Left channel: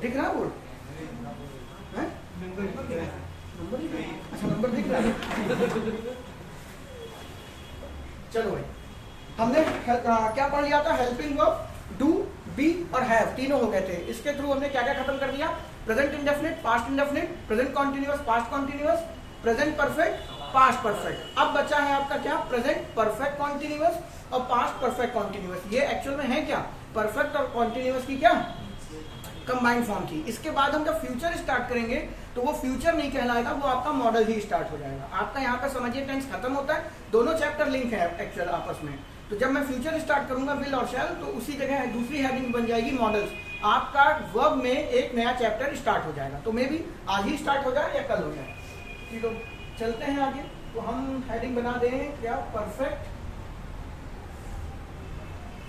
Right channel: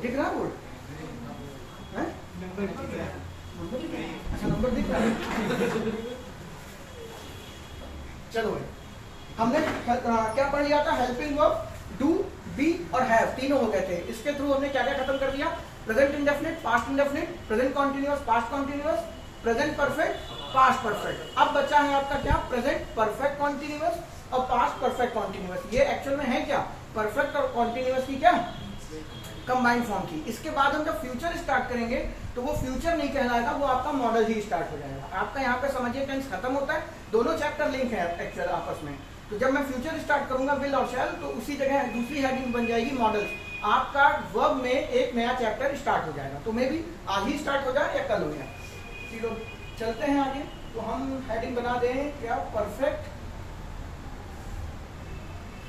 दिख रहा बोर्ड? अच्छा नंबर दिख रहा है। चलो भाई, हमने क्या पढ़ लिया था? हेल्पिंग वर्ब, डू, बी और हैव तीनों हो गए थे। इसके थ्रू हमने क्या क्या खत्म कर दिया? Present indefinite, past indefinite, present continuous, past continuous, present perfect, past perfect. अब बचा है आपका क्या? प्रेजेंट परफेक्ट कॉन्टिन्यूअस और पास्ट परफेक्ट कॉन्टिन्यूअस। ये एक्चुअल में है क्या? परफेक्ट और कॉन्टिन्यूअस की क्या कंबाइंड फॉर्म की। इसके बाद हम जब फ्यूचर स्टार्ट करेंगे तो वो फ्यूचर नहीं कहलाएगा, वो आपका मॉडल ही स्टार्ट हो जाएगा। आपका यहाँ पे समझिए टेंस खत्म होता है, दोनों चैप्टर लिंक है एक्चुअल आपस में। तो जब मैं फ्यूचर स्टार्ट करूंगा विल और शैल, तो उसी जगह दूसरी हेडिंग बन जाएगी मॉडल्स। आपका वर्ब में एक नया चैप्टर स्टार्ट हो जाएगा। तो मे भी आज ही स्टार्ट हो जाए या कल हो जाए। चलो चलते हैं आगे। तो हम हेडिंग बना दें क्या? परफेक्ट।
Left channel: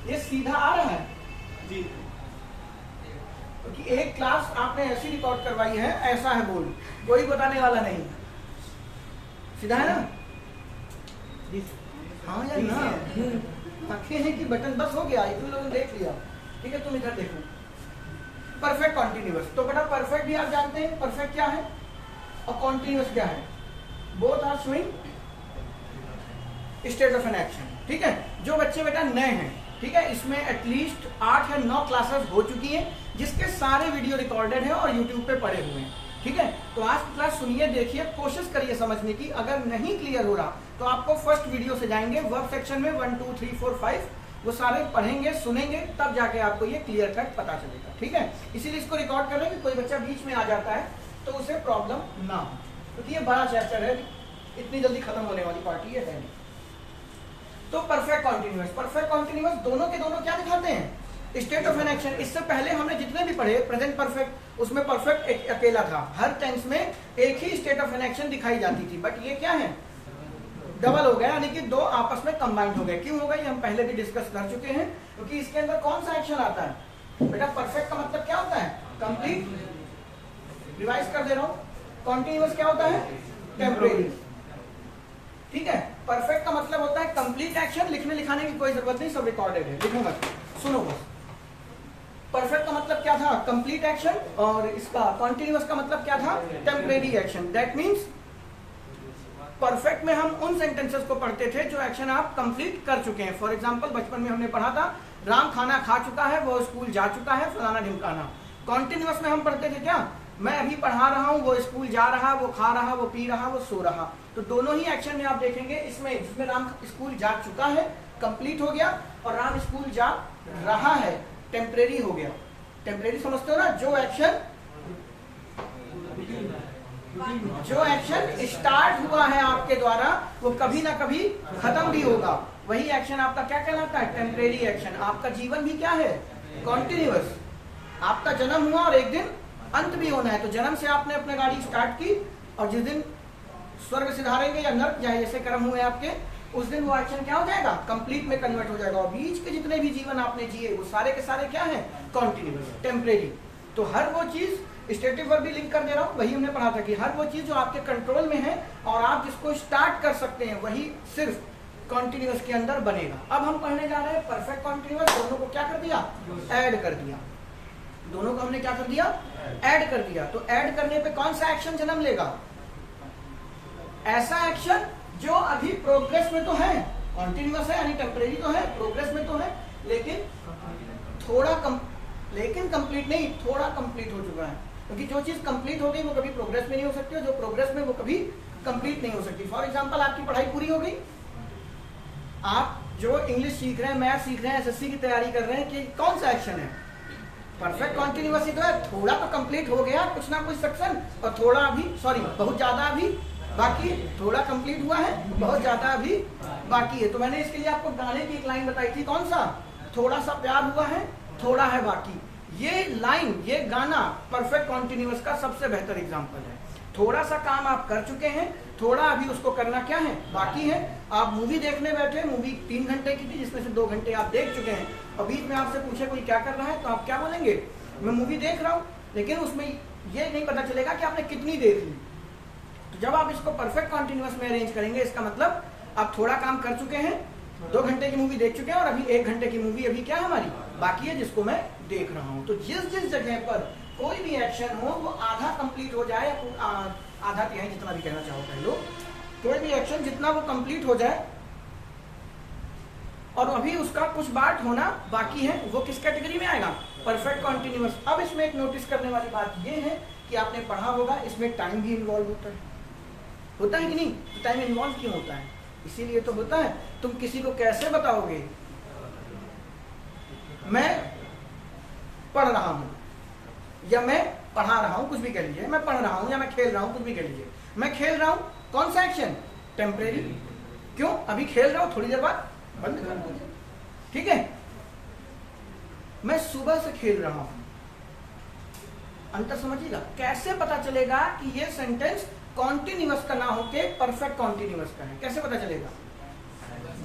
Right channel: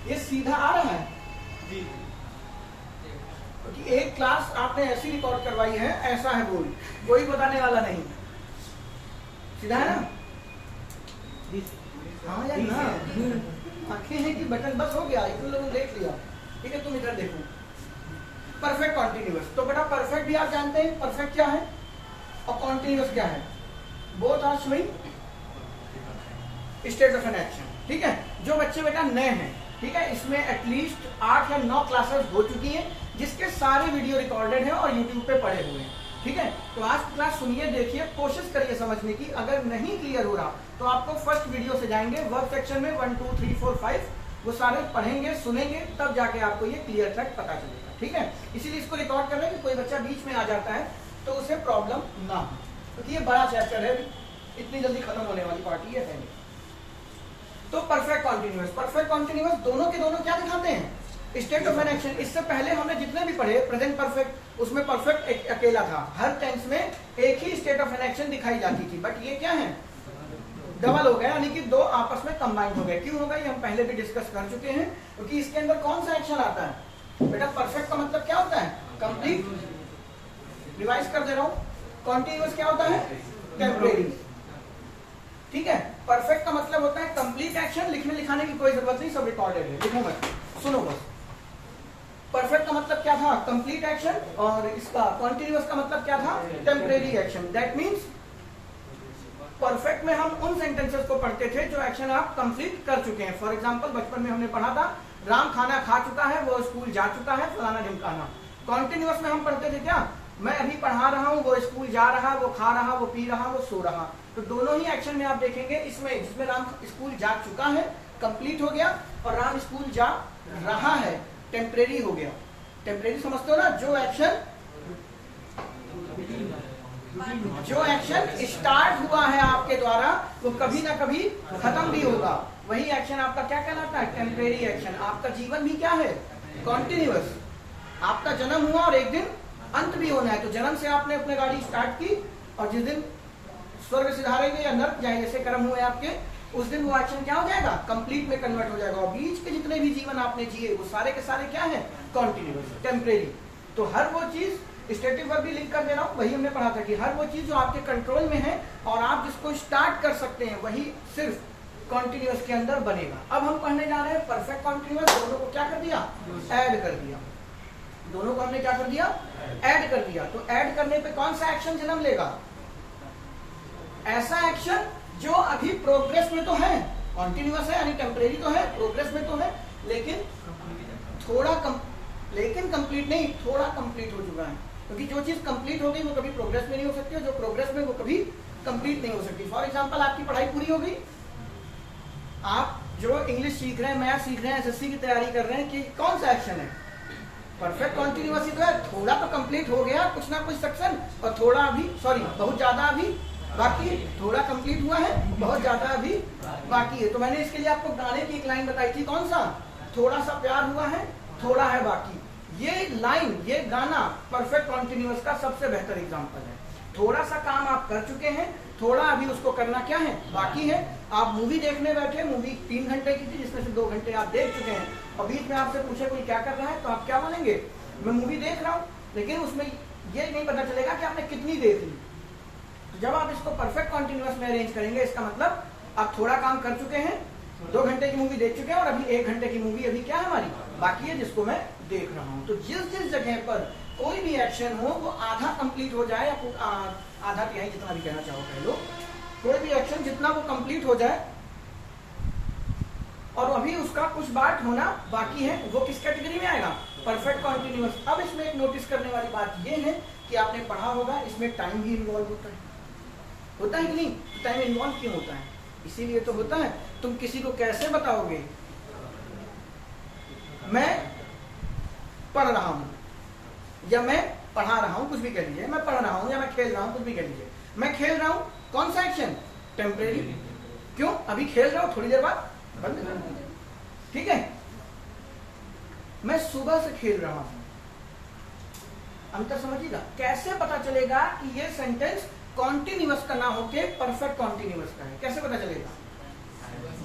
ये सीधा आ रहा है जी, क्योंकि एक क्लास आपने ऐसी रिकॉर्ड करवाई है, ऐसा है बोल, कोई बताने वाला नहीं। सीधा है ना? हाँ या ना? आंखें हैं कि बटन, बस हो गया, तुम लोगों ने देख लिया। ठीक है, तुम इधर देखो। परफेक्ट कॉन्टिन्यूअस, तो बेटा परफेक्ट भी आप जानते हैं परफेक्ट क्या है और कॉन्टिन्यूअस क्या है। Both are showing state of an action. ठीक है, जो बच्चे बेटा नए हैं, ठीक है, इसमें एटलीस्ट 8 या 9 क्लासेस हो चुकी है, जिसके सारे वीडियो रिकॉर्डेड हैं और यूट्यूब पे पड़े हुए हैं। ठीक है, तो आज की क्लास सुनिए, देखिए, कोशिश करिए समझने की। अगर नहीं क्लियर हो रहा तो आपको फर्स्ट वीडियो से जाएंगे, वर्क सेक्शन में 1 2 3 4 5 वो सारे पढ़ेंगे, सुनेंगे, तब जाके आपको ये क्लियर कट पता चलेगा। ठीक है, इसीलिए इसको रिकॉर्ड कर रहे हैं कि कोई बच्चा बीच में आ जाता है तो उसे प्रॉब्लम ना हो, क्योंकि ये बड़ा चैप्टर है, इतनी जल्दी खत्म होने वाली पार्टी है पहले। तो परफेक्ट कॉन्टिन्यूअस, परफेक्ट कॉन्टिन्यूअस दोनों के दोनों क्या दिखाते हैं? State of an action. इससे पहले हमने जितने भी पढ़े प्रेजेंट परफेक्ट, उसमें परफेक्ट अकेला था, हर टेंस में एक ही स्टेट ऑफ एन एक्शन दिखाई जाती थी। बट ये क्या है? डबल हो गया, यानी कि दो आपस में कंबाइंड हो गए। क्यों हो गए? हम पहले भी डिस्कस कर चुके हैं, क्योंकि इसके अंदर कौन सा एक्शन आता है बेटा? परफेक्ट का मतलब क्या होता है? कंप्लीट। रिवाइज कर दे रहा हूं। कॉन्टिन्यूअस क्या होता है? टेम्परेरी। ठीक है, परफेक्ट का मतलब होता है कंप्लीट एक्शन। लिखने लिखाने की कोई जरूरत नहीं, सब रिकॉर्डेड है, लिखो मत, सुनो बस। परफेक्ट का मतलब क्या था? Complete action. और इसका कॉन्टिन्यूअस का मतलब क्या था? Temporary action. That means perfect में हम उन सेंटेंसेस को पढ़ते थे जो एक्शन आप कंप्लीट कर चुके हैं। फॉर एग्जांपल बचपन में हमने पढ़ा था राम खाना खा चुका है, वो स्कूल जा चुका है, फलाना ढिमकाना। कॉन्टिन्यूअस में हम पढ़ते थे क्या? मैं अभी पढ़ा रहा हूँ, वो स्कूल जा रहा, वो खा रहा, वो पी रहा, वो सो रहा। तो दोनों ही एक्शन में आप देखेंगे, इसमें जिसमें राम स्कूल जा चुका है कंप्लीट हो गया, और राम स्कूल जा रहा है टेम्परेरी हो गया। टेम्परेरी समझते हो ना? जो एक्शन स्टार्ट हुआ है आपके द्वारा वो कभी ना कभी खत्म भी होगा, वही एक्शन आपका क्या कहलाता है? Temporary action. आपका जीवन भी क्या है? कॉन्टिन्यूअस। आपका जन्म हुआ और एक दिन अंत भी होना है। तो जन्म से आपने अपनी गाड़ी स्टार्ट की, और जिस दिन स्वर्ग सिधारेंगे या नर्क या जैसे कर्म हुए आपके, उस दिन वो एक्शन क्या हो जाएगा? कंप्लीट में कन्वर्ट हो जाएगा। और बीच के जितने भी जीवन आपने जिए वो सारे के सारे क्या है? Continuous, temporary. तो हर वो चीज, स्टेटिव वर्ब भी लिंक कर दे रहा हूं, वही हमने पढ़ा था कि हर वो चीज जो आपके कंट्रोल में है और आप जिसको स्टार्ट कर सकते हैं, वही सिर्फ कॉन्टिन्यूअस के अंदर बनेगा। अब हम पढ़ने जा रहे हैं परफेक्ट कॉन्टिन्यूअस। दोनों को क्या कर दिया? ऐड कर दिया। दोनों को हमने क्या कर दिया? ऐड कर दिया। तो ऐड करने पे कौन सा एक्शन जन्म लेगा? ऐसा एक्शन जो अभी प्रोग्रेस में तो है, कॉन्टिन्यूअस है यानी टेम्परेरी तो है, प्रोग्रेस में तो है, लेकिन लेकिन कंप्लीट नहीं, थोड़ा कंप्लीट हो चुका है। क्योंकि जो चीज कंप्लीट हो गई वो कभी प्रोग्रेस में नहीं हो सकती, और जो प्रोग्रेस में वो कभी कंप्लीट नहीं हो सकती। फॉर एग्जांपल आपकी पढ़ाई पूरी हो गई, आप जो इंग्लिश सीख रहे हैं, मैथ सीख रहे हैं, एसएससी की तैयारी कर रहे हैं, कि कौन सा एक्शन है? परफेक्ट कॉन्टिन्यूअस ही तो है। थोड़ा तो कंप्लीट हो गया, कुछ ना कुछ सेक्शन, और थोड़ा अभी, सॉरी, बहुत ज्यादा अभी बाकी। थोड़ा कंप्लीट हुआ है, बहुत ज्यादा अभी बाकी है। तो मैंने इसके लिए आपको गाने की एक लाइन बताई थी, कौन सा? थोड़ा सा प्यार हुआ है, थोड़ा है बाकी। ये लाइन, ये गाना परफेक्ट कॉन्टिन्यूअस का सबसे बेहतर एग्जांपल है। थोड़ा सा काम आप कर चुके हैं, थोड़ा अभी उसको करना क्या है? बाकी है। आप मूवी देखने बैठे, मूवी 3 घंटे की थी, जिसमें से 2 घंटे आप देख चुके हैं, और बीच में आपसे पूछे कोई क्या कर रहा है, तो आप क्या बोलेंगे? मैं मूवी देख रहा हूँ। लेकिन उसमें ये नहीं पता चलेगा कि आपने कितनी देख ली। तो जब आप इसको परफेक्ट कॉन्टिन्यूअस में अरेंज करेंगे, इसका मतलब आप थोड़ा काम कर चुके हैं, 2 घंटे की मूवी देख चुके हैं, और अभी 1 घंटे की मूवी अभी क्या है हमारी? बाकी है, जिसको मैं देख रहा हूं। तो जिस जिस जगह पर कोई भी एक्शन हो वो आधा कंप्लीट हो जाए, या आधा तिहाई जितना भी कहना चाहो कह लो, कोई भी एक्शन जितना वो कंप्लीट हो जाए और अभी उसका कुछ पार्ट होना बाकी है, वो किस कैटेगरी में आएगा? Perfect continuous. अब इसमें एक नोटिस करने वाली बात ये है कि आपने पढ़ा होगा इसमें टाइम भी इन्वॉल्व होता है कि नहीं? टाइम इन्वॉल्व क्यों होता है? इसीलिए तो होता है। तुम किसी को कैसे बताओगे मैं पढ़ रहा हूं या मैं पढ़ा रहा हूं, कुछ भी कह लीजिए, मैं पढ़ रहा हूं या मैं खेल रहा हूं, कुछ भी कह लीजिए। मैं खेल रहा हूं, कौन सा एक्शन? टेम्परेरी। क्यों? अभी खेल रहा हूं, थोड़ी देर बाद बंद कर दूंगा, ठीक है? मैं सुबह से खेल रहा हूं, अंतर समझिएगा। कैसे पता चलेगा कि ये सेंटेंस कॉन्टिन्यूअस का ना होके परफेक्ट कॉन्टिन्यूअस का है? कैसे पता चलेगा?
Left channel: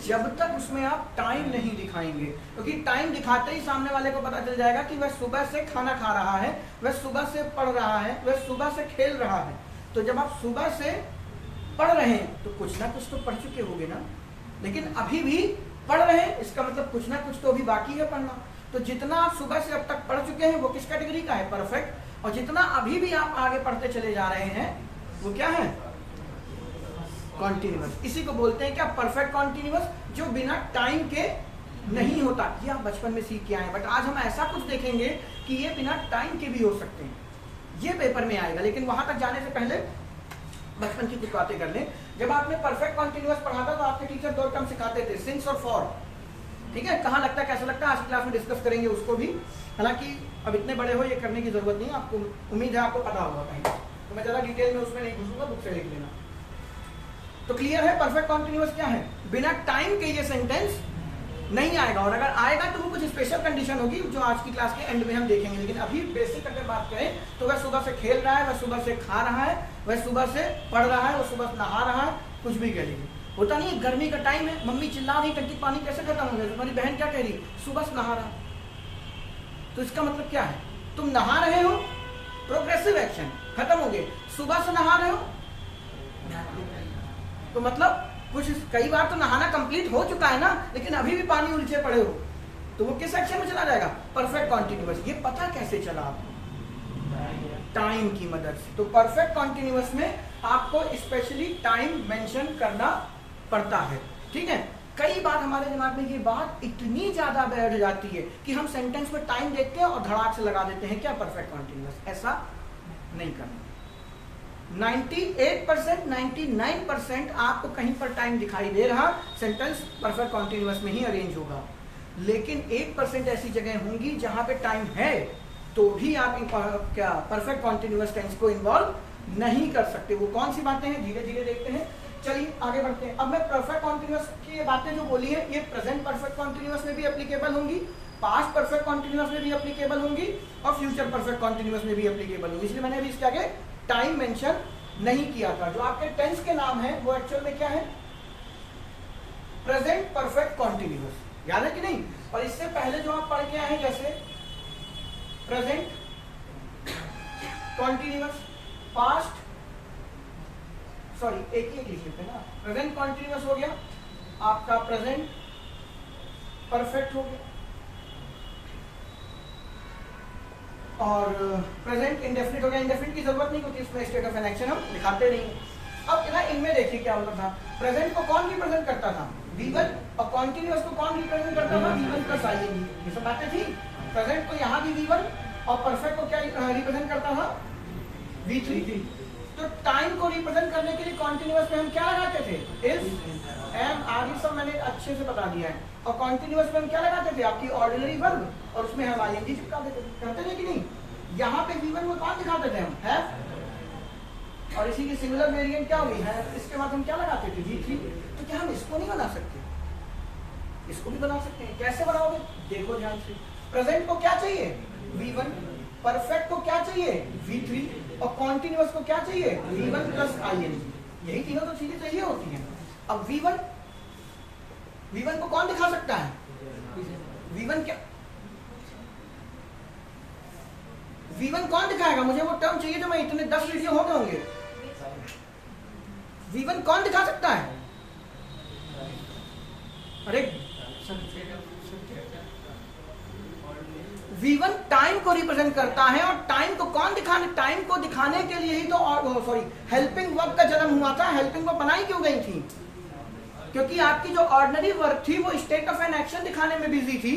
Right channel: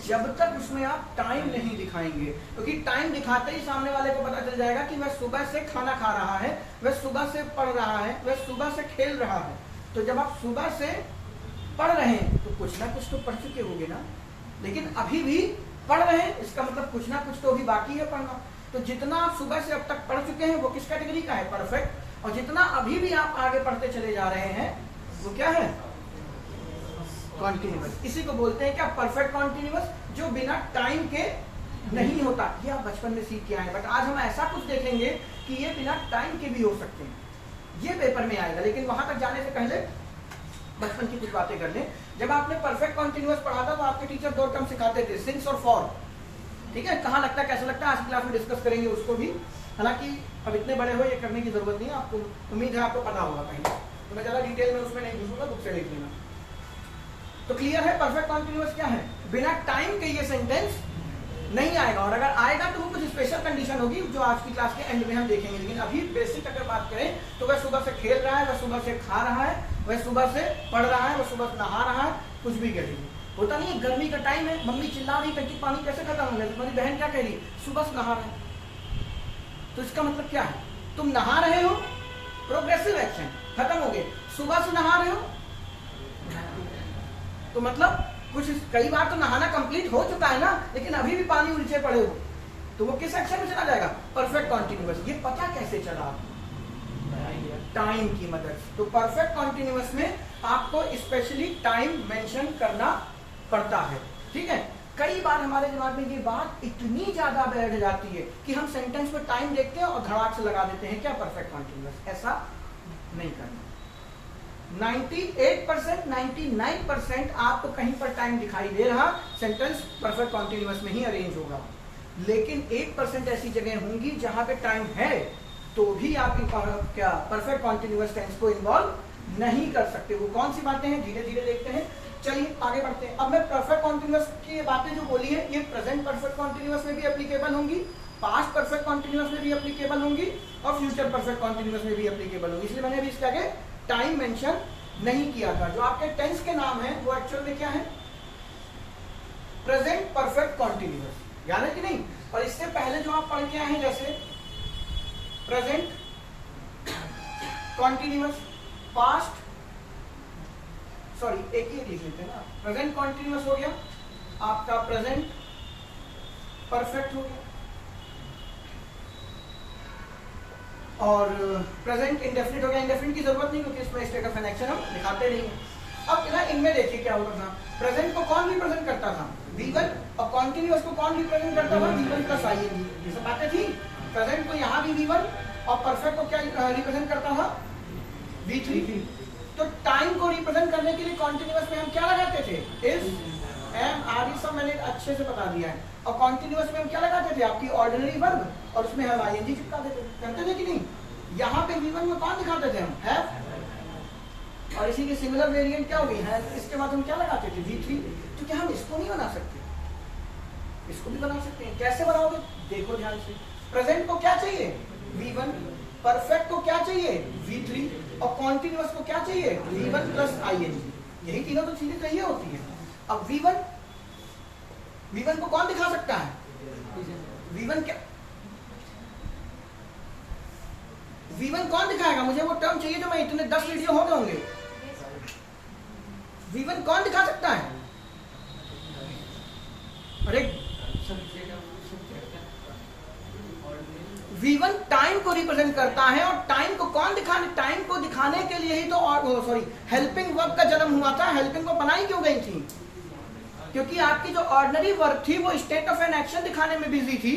जब तक उसमें आप टाइम नहीं दिखाएंगे, क्योंकि टाइम दिखाते ही सामने वाले को पता चल जाएगा कि वह सुबह से खाना खा रहा है, वह सुबह से पढ़ रहा है, वह सुबह से खेल रहा है। तो जब आप सुबह से पढ़ रहे हैं तो कुछ ना कुछ तो पढ़ चुके होंगे ना, लेकिन अभी भी पढ़ रहे हैं, इसका मतलब कुछ ना कुछ तो अभी बाकी है पढ़ना। तो जितना आप सुबह से अब तक पढ़ चुके हैं वो किस कैटेगरी का है? परफेक्ट। और जितना अभी भी आप आगे पढ़ते चले जा रहे हैं वो क्या है? कॉन्टिन्यूअस। इसी को बोलते हैं क्या? परफेक्ट कॉन्टिन्यूअस, जो बिना टाइम के नहीं होता। ये आप बचपन में सीख के आए, बट आज हम ऐसा कुछ देखेंगे कि ये बिना टाइम के भी हो सकते हैं। ये पेपर में आएगा, लेकिन वहां तक जाने से पहले बचपन की कुछ बातें कर लें। जब आपने परफेक्ट कॉन्टिन्यूअस पढ़ा था तो आपके टीचर 2 टर्म सिखाते थे, सिंस और फॉर। ठीक है, कहाँ लगता है, कैसा लगता है, आज की क्लास में डिस्कस करेंगे उसको भी। हालांकि अब इतने बड़े हो, ये करने की जरूरत नहीं है आपको, उम्मीद है आपको पता होगा कहीं, तो मैं ज्यादा डिटेल में उसमें नहीं घुसूंगा, बुक से देख लेना। तो क्लियर है परफेक्ट कॉन्टिन्यूअस क्या है? बिना टाइम के ये सेंटेंस नहीं आएगा, और अगर आएगा तो वो कुछ स्पेशल कंडीशन होगी जो आज की क्लास के एंड में हम देखेंगे। लेकिन अभी बेसिक अगर बात करें तो वह सुबह से खेल रहा है, वह सुबह से खा रहा है, वह सुबह से पढ़ रहा है, वह सुबह से नहा रहा है, कुछ भी कह लीजिए। होता नहीं है, गर्मी का टाइम है, मम्मी चिल्ला रही, टंकी पानी कैसे खत्म हो गया, तुम्हारी बहन क्या कह रही, सुबह से नहा रहा है। तो इसका मतलब क्या है? तुम नहा रहे हो, प्रोग्रेसिव एक्शन खत्म हो गए। सुबह से नहा रहे हो तो मतलब कुछ, कई बार तो नहाना कंप्लीट हो चुका है ना, लेकिन अभी भी पानी उलझे पड़े हो, तो वो किस एक्शन में चला जाएगा? Perfect continuous. ये पता कैसे चला? टाइम की मदद से। तो परफेक्ट कॉन्टिन्यूअस में आपको स्पेशली टाइम मेंशन करना पड़ता है, ठीक है? कई बार हमारे दिमाग में ये बात इतनी ज्यादा बैठ जाती है कि हम सेंटेंस में टाइम देखते हैं और धड़ाक से लगा देते हैं क्या? Perfect continuous. ऐसा नहीं करना। 98%, 99% आपको कहीं पर टाइम दिखाई दे रहा, सेंटेंस परफेक्ट कॉन्टिन्यूअस में ही अरेंज होगा। लेकिन 1% ऐसी जगह होंगी जहां पे टाइम है तो भी आप क्या परफेक्ट कॉन्टिन्यूअस टेंस को इन्वॉल्व नहीं कर सकते। वो कौन सी बातें हैं, धीरे धीरे देखते हैं। चलिए आगे बढ़ते हैं। अब मैं परफेक्ट कॉन्टिन्यूअस की ये बातें जो बोली है, ये प्रेजेंट परफेक्ट कॉन्टिन्यूअस में भी एप्लीकेबल होंगी, पास्ट परफेक्ट कॉन्टिन्यूअस में भी एप्लीकेबल होंगी, और फ्यूचर परफेक्ट कॉन्टिन्यूअस में भी एप्लीकेबल होंगी। इसलिए मैंने भी इसके आगे टाइम मेंशन नहीं किया था। जो आपके टेंस के नाम है वो एक्चुअल में क्या है? प्रेजेंट परफेक्ट कॉन्टिन्यूअस, याद है कि नहीं? और इससे पहले जो आप पढ़ के आए हैं, जैसे प्रेजेंट कॉन्टिन्यूअस, पास्ट, सॉरी एक ही लिख लेते हैं ना, प्रेजेंट कॉन्टिन्यूअस हो गया, आपका प्रेजेंट परफेक्ट हो गया, और प्रेजेंट इंडेफिनिट हो गया। इंडेफिनिट की जरूरत नहीं क्योंकि इसमें स्टेट ऑफ एन एक्शन हम दिखाते नहीं है। अब ना इनमें देखिए क्या होता था। प्रेजेंट को कौन रिप्रेजेंट करता था? V1, और कॉन्टिन्यूअस को कौन रिप्रेजेंट करता था? V1 plus ING। ये सब बातें थी। प्रेजेंट को यहाँ भी V1 और परफेक्ट को क्या रिप्रेजेंट करता था? V3। तो टाइम को रिप्रेजेंट करने के लिए कॉन्टिन्यूअस में हम क्या लगाते थे? इज, एम, आदि सब मैंने अच्छे से बता दिया है। और कॉन्टिन्यूअस में हम क्या लगाते थे? आपकी ऑर्डिनरी वर्ब, और उसमें हम ING चिपका देते थे। करते थे कि नहीं? यहाँ पे V1 में कौन दिखाते थे हम? हैव, और इसी की सिमिलर वेरिएंट क्या होगी? है। इसके बाद हम क्या लगाते थे? V3। तो क्या हम इसको नहीं बना सकते? इसको भी बना सकते हैं। कैसे बनाओगे? देखो ध्यान से। प्रेजेंट को क्या चाहिए? V1, परफेक्ट को क्या चाहिए? V3, और कॉन्टिन्यूअस को क्या चाहिए? V1 plus ING। यही तीनों तो चीजें चाहिए होती हैं। अब V1 को कौन दिखा सकता है? V1 क्या, V1 कौन दिखाएगा? मुझे वो टर्म चाहिए जो मैं इतने 10 वीडियो हो गए होंगे। V1 कौन दिखा सकता है? अरे V1 टाइम को रिप्रेजेंट करता है, और टाइम को कौन दिखाने, टाइम को दिखाने के लिए ही तो हेल्पिंग वर्ब का जन्म हुआ था। हेल्पिंग वर्ब बनाई क्यों गई थी? क्योंकि आपकी जो ऑर्डिनरी वर्ब थी वो स्टेट ऑफ एन एक्शन दिखाने में बिजी थी।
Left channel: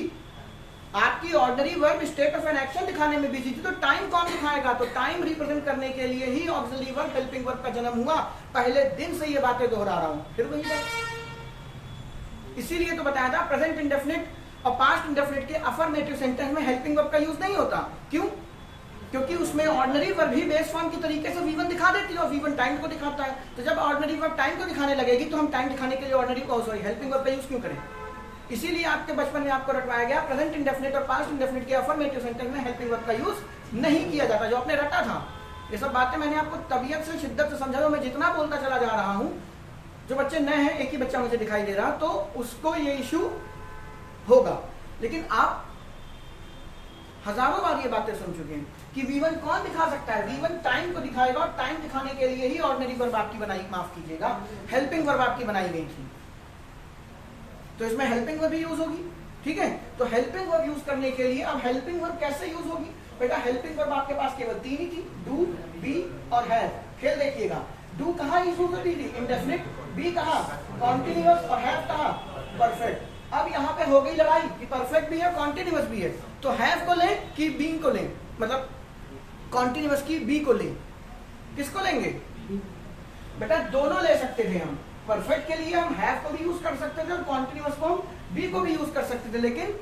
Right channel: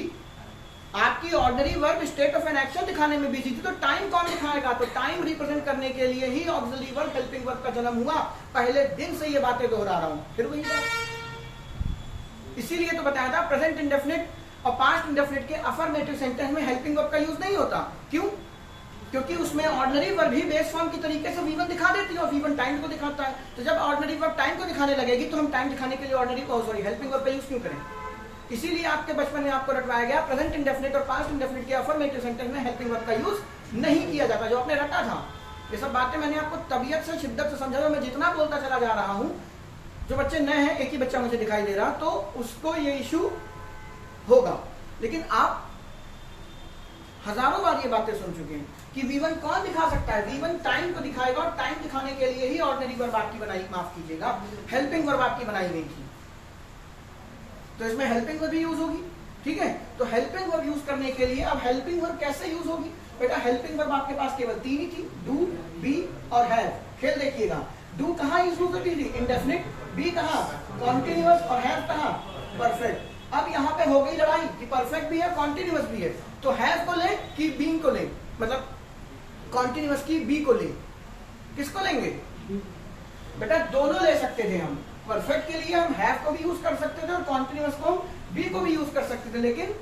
आपकी ordinary verb state of an action दिखाने में बिजी थी, तो टाइम कौन दिखाएगा? तो टाइम रिप्रेजेंट करने के लिए ही ऑक्सिलरी वर्ब हेल्पिंग वर्ब का जन्म हुआ। पहले दिन से ये बातें दोहरा रहा हूं, फिर वही बात। इसीलिए तो बताया था प्रेजेंट इंडेफिनिट और पास्ट इंडेफिनिट के अफर्मेटिव सेंटेंस में हेल्पिंग वर्ब का यूज नहीं होता। क्यों? क्योंकि उसमें ऑर्डिनरी वर्ब ही बेस फॉर्म की तरीके से V1 दिखा देती है और V1 टाइम को दिखाता है। तो जब ऑर्डिनरी वर्ब टाइम को दिखाने लगेगी तो हम टाइम दिखाने के लिए हेल्पिंग वर्ब का यूज क्यों करें? इसीलिए आपके बचपन में आपको रटवाया गया प्रेजेंट इंडेफिनिट और पास्ट इंडेफिनिट के अफर्मेटिव सेंटेंस में हेल्पिंग वर्ब का यूज नहीं किया जाता, जो आपने रटा था। ये सब बातें मैंने आपको तबीयत से, शिद्दत से समझा। मैं जितना बोलता चला जा रहा हूं, जो बच्चे नए हैं, एक ही बच्चा मुझे दिखाई दे रहा, तो उसको ये इश्यू होगा। लेकिन आप हजारों बार ये बातें सुन चुके हैं कि V1 कौन दिखा सकता है? V1 टाइम को दिखाएगा, और टाइम दिखाने के लिए ही ऑर्डिनरी वर्ब आपकी बनाई, माफ कीजिएगा, हेल्पिंग वर्ब आपकी बनाई गई थी। तो इसमें हेल्पिंग वर्ब भी यूज होगी, ठीक है। तो हेल्पिंग वर्ब यूज करने के लिए अब हेल्पिंग वर्ब कैसे यूज होगी? बेटा हेल्पिंग वर्ब आपके पास केवल 3 ही थी, डू, बी और हैव। खेल देखिएगा, डू कहाँ यूज होती थी? इंडेफिनिट। बी कहाँ? कॉन्टिन्यूअस। और हैव कहाँ? परफेक्ट। अब यहाँ पे हो गई लड़ाई कि परफेक्ट भी है, कॉन्टिन्यूअस भी है। तो हैव को ले कि बीइंग को ले? मतलब कॉन्टिन्यूअस की बी को ले? किसको लेंगे? बेटा दोनों ले सकते थे हम। परफेक्ट के लिए हम हैव को भी यूज कर सकते थे और कॉन्टिन्यूअस को हम बी को भी यूज कर सकते थे, लेकिन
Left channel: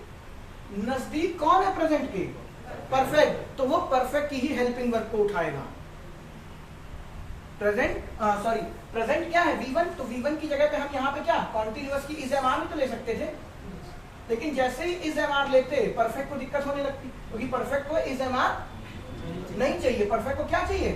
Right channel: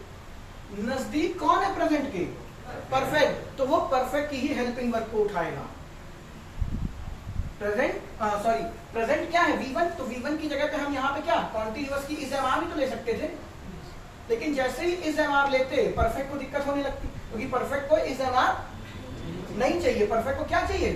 नजदीक कौन है प्रेजेंट के? परफेक्ट। तो वो परफेक्ट की ही हेल्पिंग वर्ब को उठाएगा। प्रेजेंट क्या है? V1। तो V1 की जगह पे हम यहाँ पे क्या कॉन्टिन्यूअस की इज एम आर भी तो ले सकते थे, लेकिन जैसे ही इज एम आर लेते परफेक्ट को दिक्कत होने लगती, क्योंकि परफेक्ट को इज एम आर नहीं चाहिए। परफेक्ट को क्या चाहिए?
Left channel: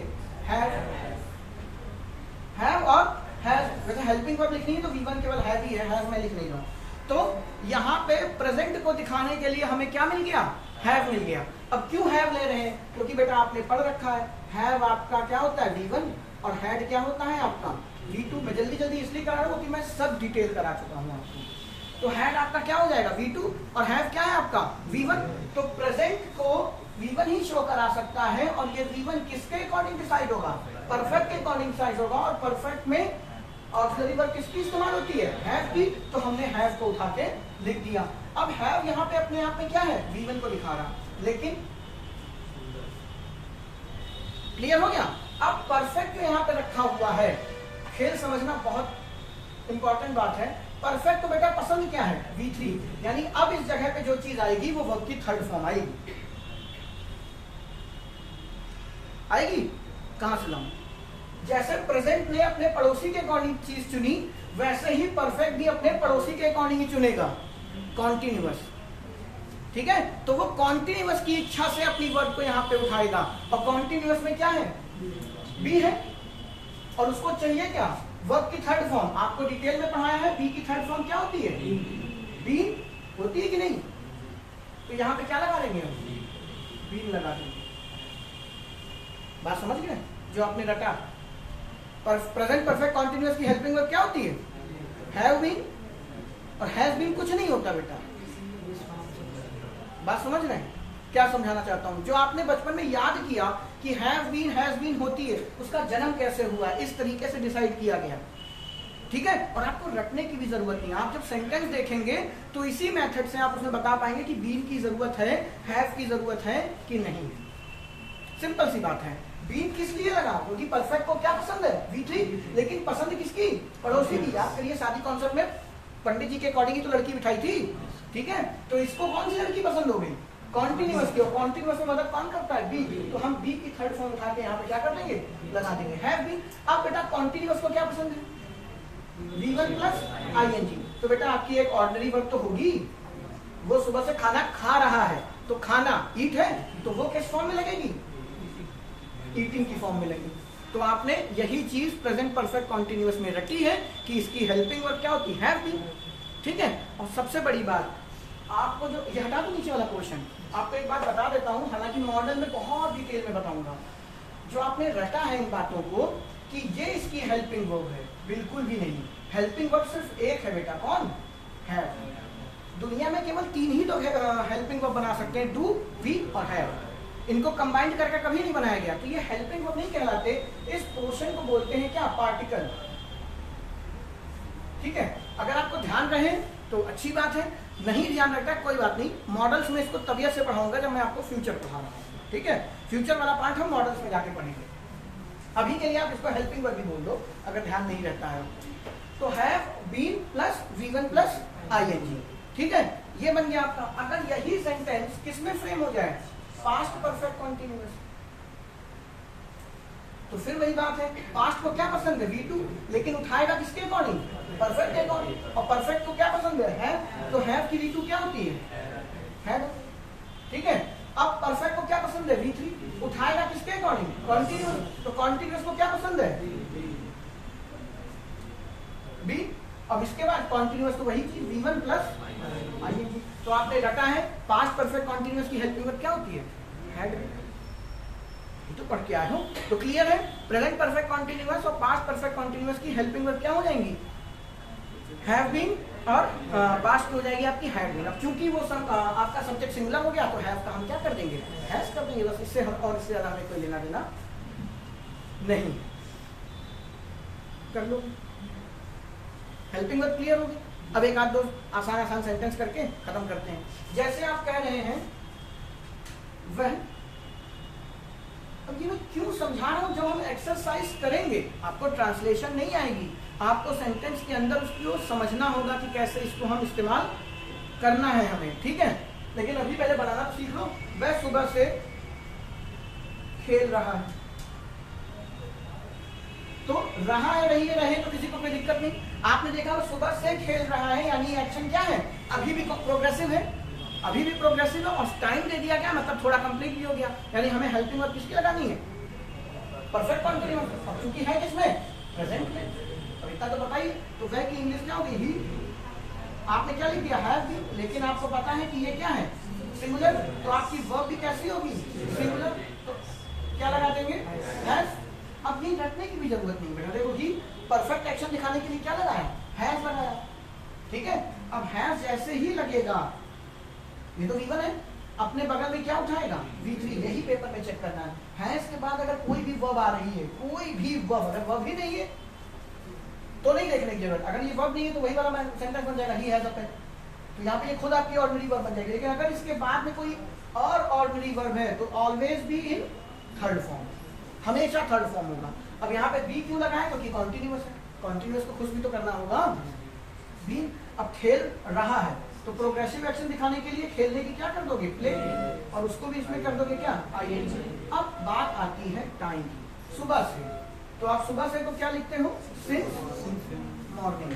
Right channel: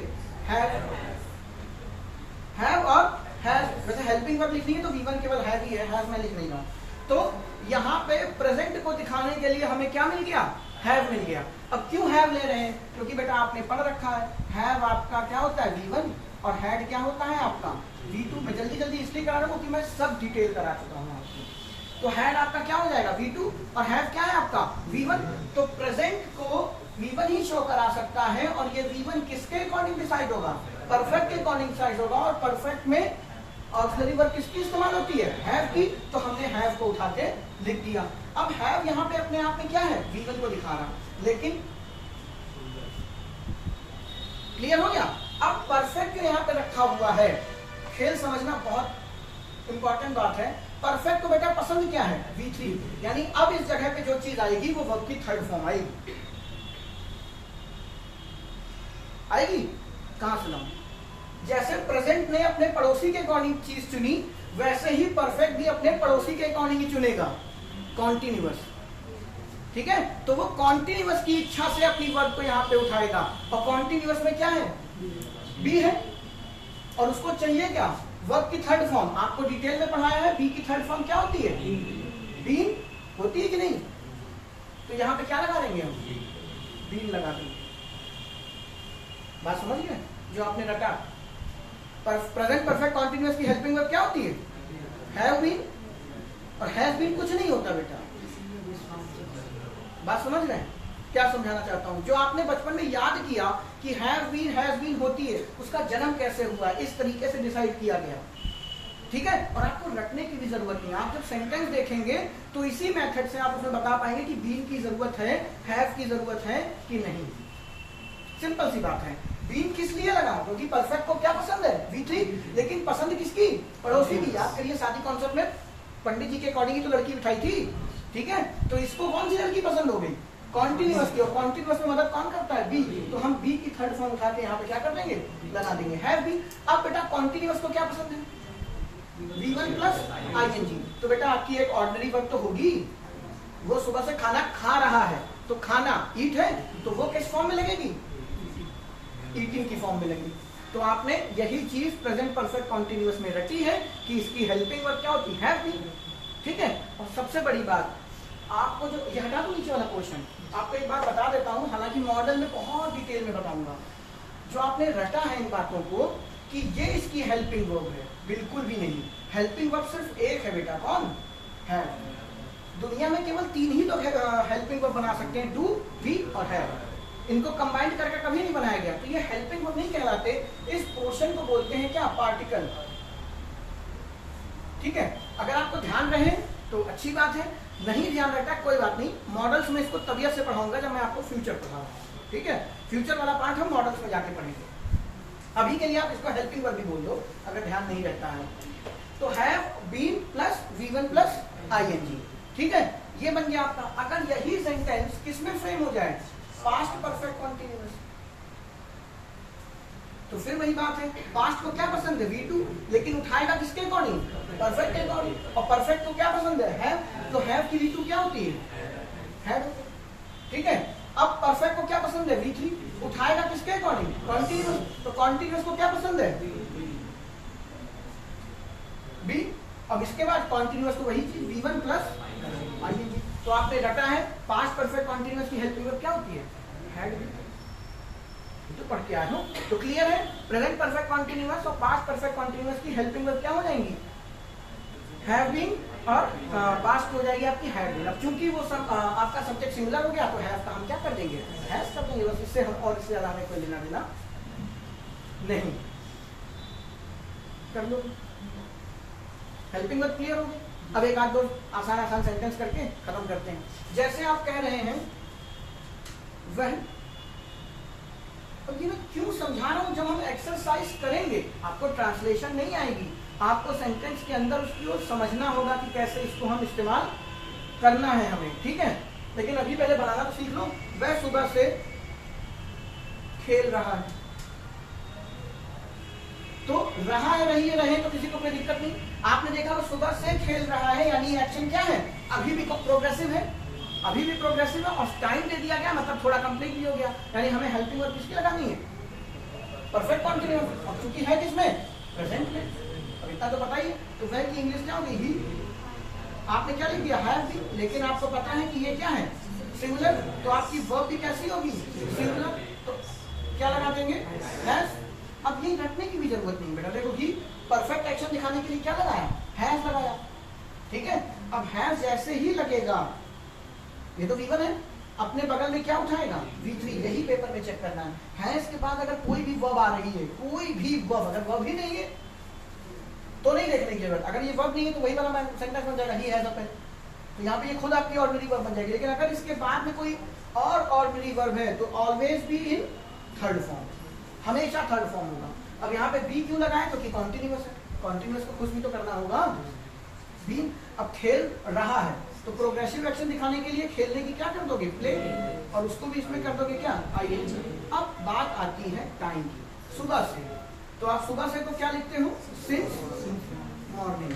हैव और हैव। वैसे हेल्पिंग वर्ब लिखनी है तो V1 केवल हैव ही है, हैव में लिख नहीं रहा। तो यहाँ पे प्रेजेंट को दिखाने के लिए हमें क्या मिल गया? हैव मिल गया। अब क्यों हैव ले रहे हैं? क्योंकि बेटा आपने पढ़ रखा है, हैव आपका क्या होता है? V1, और हैड क्या होता है आपका? V2। मैं जल्दी जल्दी इसलिए करा रहा हूँ कि मैं सब डिटेल करा चुका हूँ आपको। तो हैड आपका क्या हो जाएगा? V2, और हैव क्या है आपका? V1। तो प्रेजेंट को V1 ही शो करा सकता है, और ये V1 किसके अकॉर्डिंग डिसाइड होगा? परफेक्ट के अकॉर्डिंग डिसाइड होगा। और परफेक्ट में ऑक्सिलरी वर्ब किसकी इस्तेमाल होती है? हैव की। तो हमने हैव को उठा के लिख दिया। अब हैव यहाँ पे अपने आप में क्या है? V1 को दिखा रहा, लेकिन क्लियर हो गया? अब परफेक्ट यहाँ पे रखा हुआ है। खेल समझना बहुत इंपॉर्टेंट बात है। परफेक्ट को बेटा पसंद क्या है? V3। यानी अब इस जगह पे जो चीज आएगी वो वर्ब की थर्ड फॉर्म आएगी। आएगी कहां से लाऊं? जैसे प्रेजेंट ने अपने पड़ोसी के अकॉर्डिंग चीज चुनी, वैसे ही परफेक्ट भी अपने पड़ोसी के अकॉर्डिंग ही चुनेगा, कॉन्टिन्यूअस। ठीक है। तो वो कॉन्टिन्यूअस की इच्छा से अपनी वर्ब को यहाँ पे उठाएगा, और कॉन्टिन्यूअस में क्या है? बी है, और उसको चाहिए क्या? वर्ब की थर्ड फॉर्म। आपको डिटेल में पढ़ाया है, बी की थर्ड फॉर्म क्या होती है? बीन होती है कि नहीं? तो यहाँ पे क्या लगा देंगे हम? बीन लगा देंगे। बात समझ गए जो आपने रटा? प्रेजेंट परफेक्ट कॉन्टिन्यूअस की हेल्पिंग वर्ब क्या होती है? हैव बीन, और हैव बीन कुछ नहीं होता बेटा। बात समझ रहे हैं क्या समझाना चाहता हूं? जो आपने बचपन में याद किया कि हैव बीन, हैज बीन होती है, उसका जन्म कैसे हुआ, इस तरीके से डिसाइड किया गया। ठीक है। और आपको रटने की भी जरूरत नहीं है। आप जब सेंटेंस देखेंगे तो इसी मेथड से आप उसमें बता पाएंगे कि बीन की जरूरत है, हैव की जरूरत है कि नहीं। सिंपल सी बात है। बीन किस लिए लगा? क्योंकि परफेक्ट को क्या पसंद है? V3। लेकिन पसंद किसकी? पड़ोसी की। याद करिए शादी कॉन्सेप्ट में पंडित जी के अकॉर्डिंग ही तो लड़की उठाई थी। ठीक है। तो इसको कौन सी लड़की पसंद हो गई? कॉन्टिन्यूअस की। और कॉन्टिन्यूअस में मदद कौन करता है? बी। तो हम बी की थर्ड फॉर्म उठा के यहाँ पे क्या कर देंगे? लगा देंगे, हैव बीन। अब बेटा कॉन्टिन्यूअस को क्या पसंद है? V1 plus ING। तो बेटा आपकी एक ऑर्डिनरी वर्ब तो होगी, वो सुबह से खाना खा रहा है, तो खाना ईट है, तो वो किस फॉर्म में लगेगी? ईटिंग की फॉर्म में लगेगी। तो आपने यही चीज प्रेजेंट परफेक्ट कॉन्टिन्यूअस में रटी है कि इसकी हेल्पिंग वर्ब क्या होती है? Have been. ठीक है। और सबसे बड़ी बात आपको जो ये हटा दो नीचे वाला क्वेश्चन, आपको एक बात बता देता हूं, हालांकि मॉडल में बहुत डिटेल में बताऊंगा। जो आपने रटा है इन बातों को कि ये इसकी हेल्पिंग वर्ब है, बिल्कुल भी नहीं। हेल्पिंग वर्ब सिर्फ एक है बेटा, कौन है? दुनिया में केवल 3 ही लोग हेल्पिंग वर्ब बना सकते हैं, डू, बी और हैव। इनको कंबाइंड करके कभी नहीं बनाया गया, तो ये हेल्पिंग वर्ब नहीं कहलाते। इस पोर्शन को बोलते हैं क्या, पार्टिकल। ठीक है, अगर आपको ध्यान रहे तो अच्छी बात है, नहीं ध्यान रखा कोई बात नहीं। मॉडल्स में इसको तबियत से पढ़ाऊंगा जब मैं आपको फ्यूचर पढ़ा रहा हूँ। ठीक है, फ्यूचर वाला पार्ट हम मॉडल्स में जाके पढ़ेंगे। अभी के लिए आप इसको हेल्पिंग वर्ब भी बोल दो अगर ध्यान नहीं रहता है तो। Have been plus V1 plus ING। ठीक है, ये बन गया आपका। अगर यही सेंटेंस किसमें फ्रेम हो जाए, पास्ट परफेक्ट कॉन्टिन्यूअस, तो फिर वही बात है, पास्ट को क्या पसंद है, V2, लेकिन उठाएगा किसके अकॉर्डिंग, परफेक्ट के अकॉर्डिंग। और परफेक्ट को क्या पसंद है, तो हैव की V2 क्या होती है। ठीक है, अब परफेक्ट को क्या पसंद है, V3, उठाएगा किसके अकॉर्डिंग, कॉन्टिन्यूअस। तो कॉन्टिन्यूअस को क्या पसंद है, B। अब इसके बाद कॉन्टिन्यूअस तो वही चीज, V1 प्लस ING। तो आपने रटा है पास्ट परफेक्ट कॉन्टिन्यूअस की हेल्पिंग वर्ब क्या होती है, हैड। तो पढ़ के आए हो तो क्लियर है। प्रेजेंट परफेक्ट कॉन्टिन्यूअस और पास्ट परफेक्ट कॉन्टिन्यूअस की हेल्पिंग वर्ब क्या हो जाएंगी, हैव बीन, और पास्ट हो जाएगी आपकी हैड बीन। अब चूंकि वो सब आपका सब्जेक्ट सिमिलर हो गया तो हैव का हम क्या कर देंगे, हैज कर देंगे बस। इससे और इससे ज्यादा हमें कोई लेना देना नहीं। कर लो, हेल्पिंग वर्ब क्लियर होगी। अब एक आध दो आसान सेंटेंस करके खत्म करते हैं। जैसे आप कह रहे हैं वह, अब ये मैं क्यों समझा रहा हूं, जब हम एक्सरसाइज करेंगे आपको ट्रांसलेशन नहीं आएगी, आपको सेंटेंस के अंदर उसको समझना होगा कि कैसे इसको हम इस्तेमाल करना है हमें। ठीक है, लेकिन अभी पहले बनाना तो सीख लो। वह सुबह से खेल रहा है, तो रहा है, रही है, रहे तो किसी को कोई दिक्कत नहीं। आपने देखा वो सुबह से खेल रहा है, यानी एक्शन क्या है, अभी भी प्रोग्रेसिव है, अभी भी प्रोग्रेसिव है, और टाइम दे दिया गया, मतलब थोड़ा कंप्लीट भी हो गया। यानी हमें हेल्पिंग वर्ब किसकी लगानी है, परफेक्ट कॉन्टिन्यूअस। अब चूंकि है किसमें, प्रेजेंट में। अब इतना तो बताइए, तो वह की इंग्लिश क्या होगी, ही। आपने क्या लिख दिया, हैव बीन, लेकिन आपको पता है कि ये क्या है, सिंगुलर, तो आपकी वर्ब भी कैसी होगी, सिंगुलर। तो क्या लगा देंगे, हैज। अब ये रटने की भी जरूरत नहीं बेटा, देखो ही परफेक्ट एक्शन दिखाने के लिए क्या लगाया, हैज लगाया। ठीक है, अब हैज जैसे ही लगेगा, ये तो V1 है, अपने बगल में क्या उठाएगा, V3। यही पेपर में चेक करना है। हैज के बाद अगर कोई भी वर्ब आ रही है, कोई भी वर्ब, अगर वर्ब ही नहीं है तो नहीं देखने की जरूरत। अगर ये वर्ब नहीं है तो वही वाला सेंटेंस बन जाएगा, ही हैज अ पेन। तो यहाँ पे ये खुद आपकी ऑर्डिनरी वर्ब बन जाएगी। लेकिन अगर इसके बाद में कोई और ऑर्डिनरी वर्ब है तो always be in third form, हमेशा थर्ड फॉर्म होगा। अब यहाँ पे बी क्यों लगाए, क्योंकि कॉन्टिन्यूअस है, कॉन्टिन्यूअस को खुश भी तो करना होगा, बीन। अब खेल रहा है तो प्रोग्रेसिव एक्शन दिखाने के लिए खेलने की क्या कर दोगे, प्ले, और उसको भी इसमें कर दोगे क्या, ING। अब बात आती है टाइम की, सुबह से। तो आप सुबह से तो क्या लिखते हो, सिंस मॉर्निंग।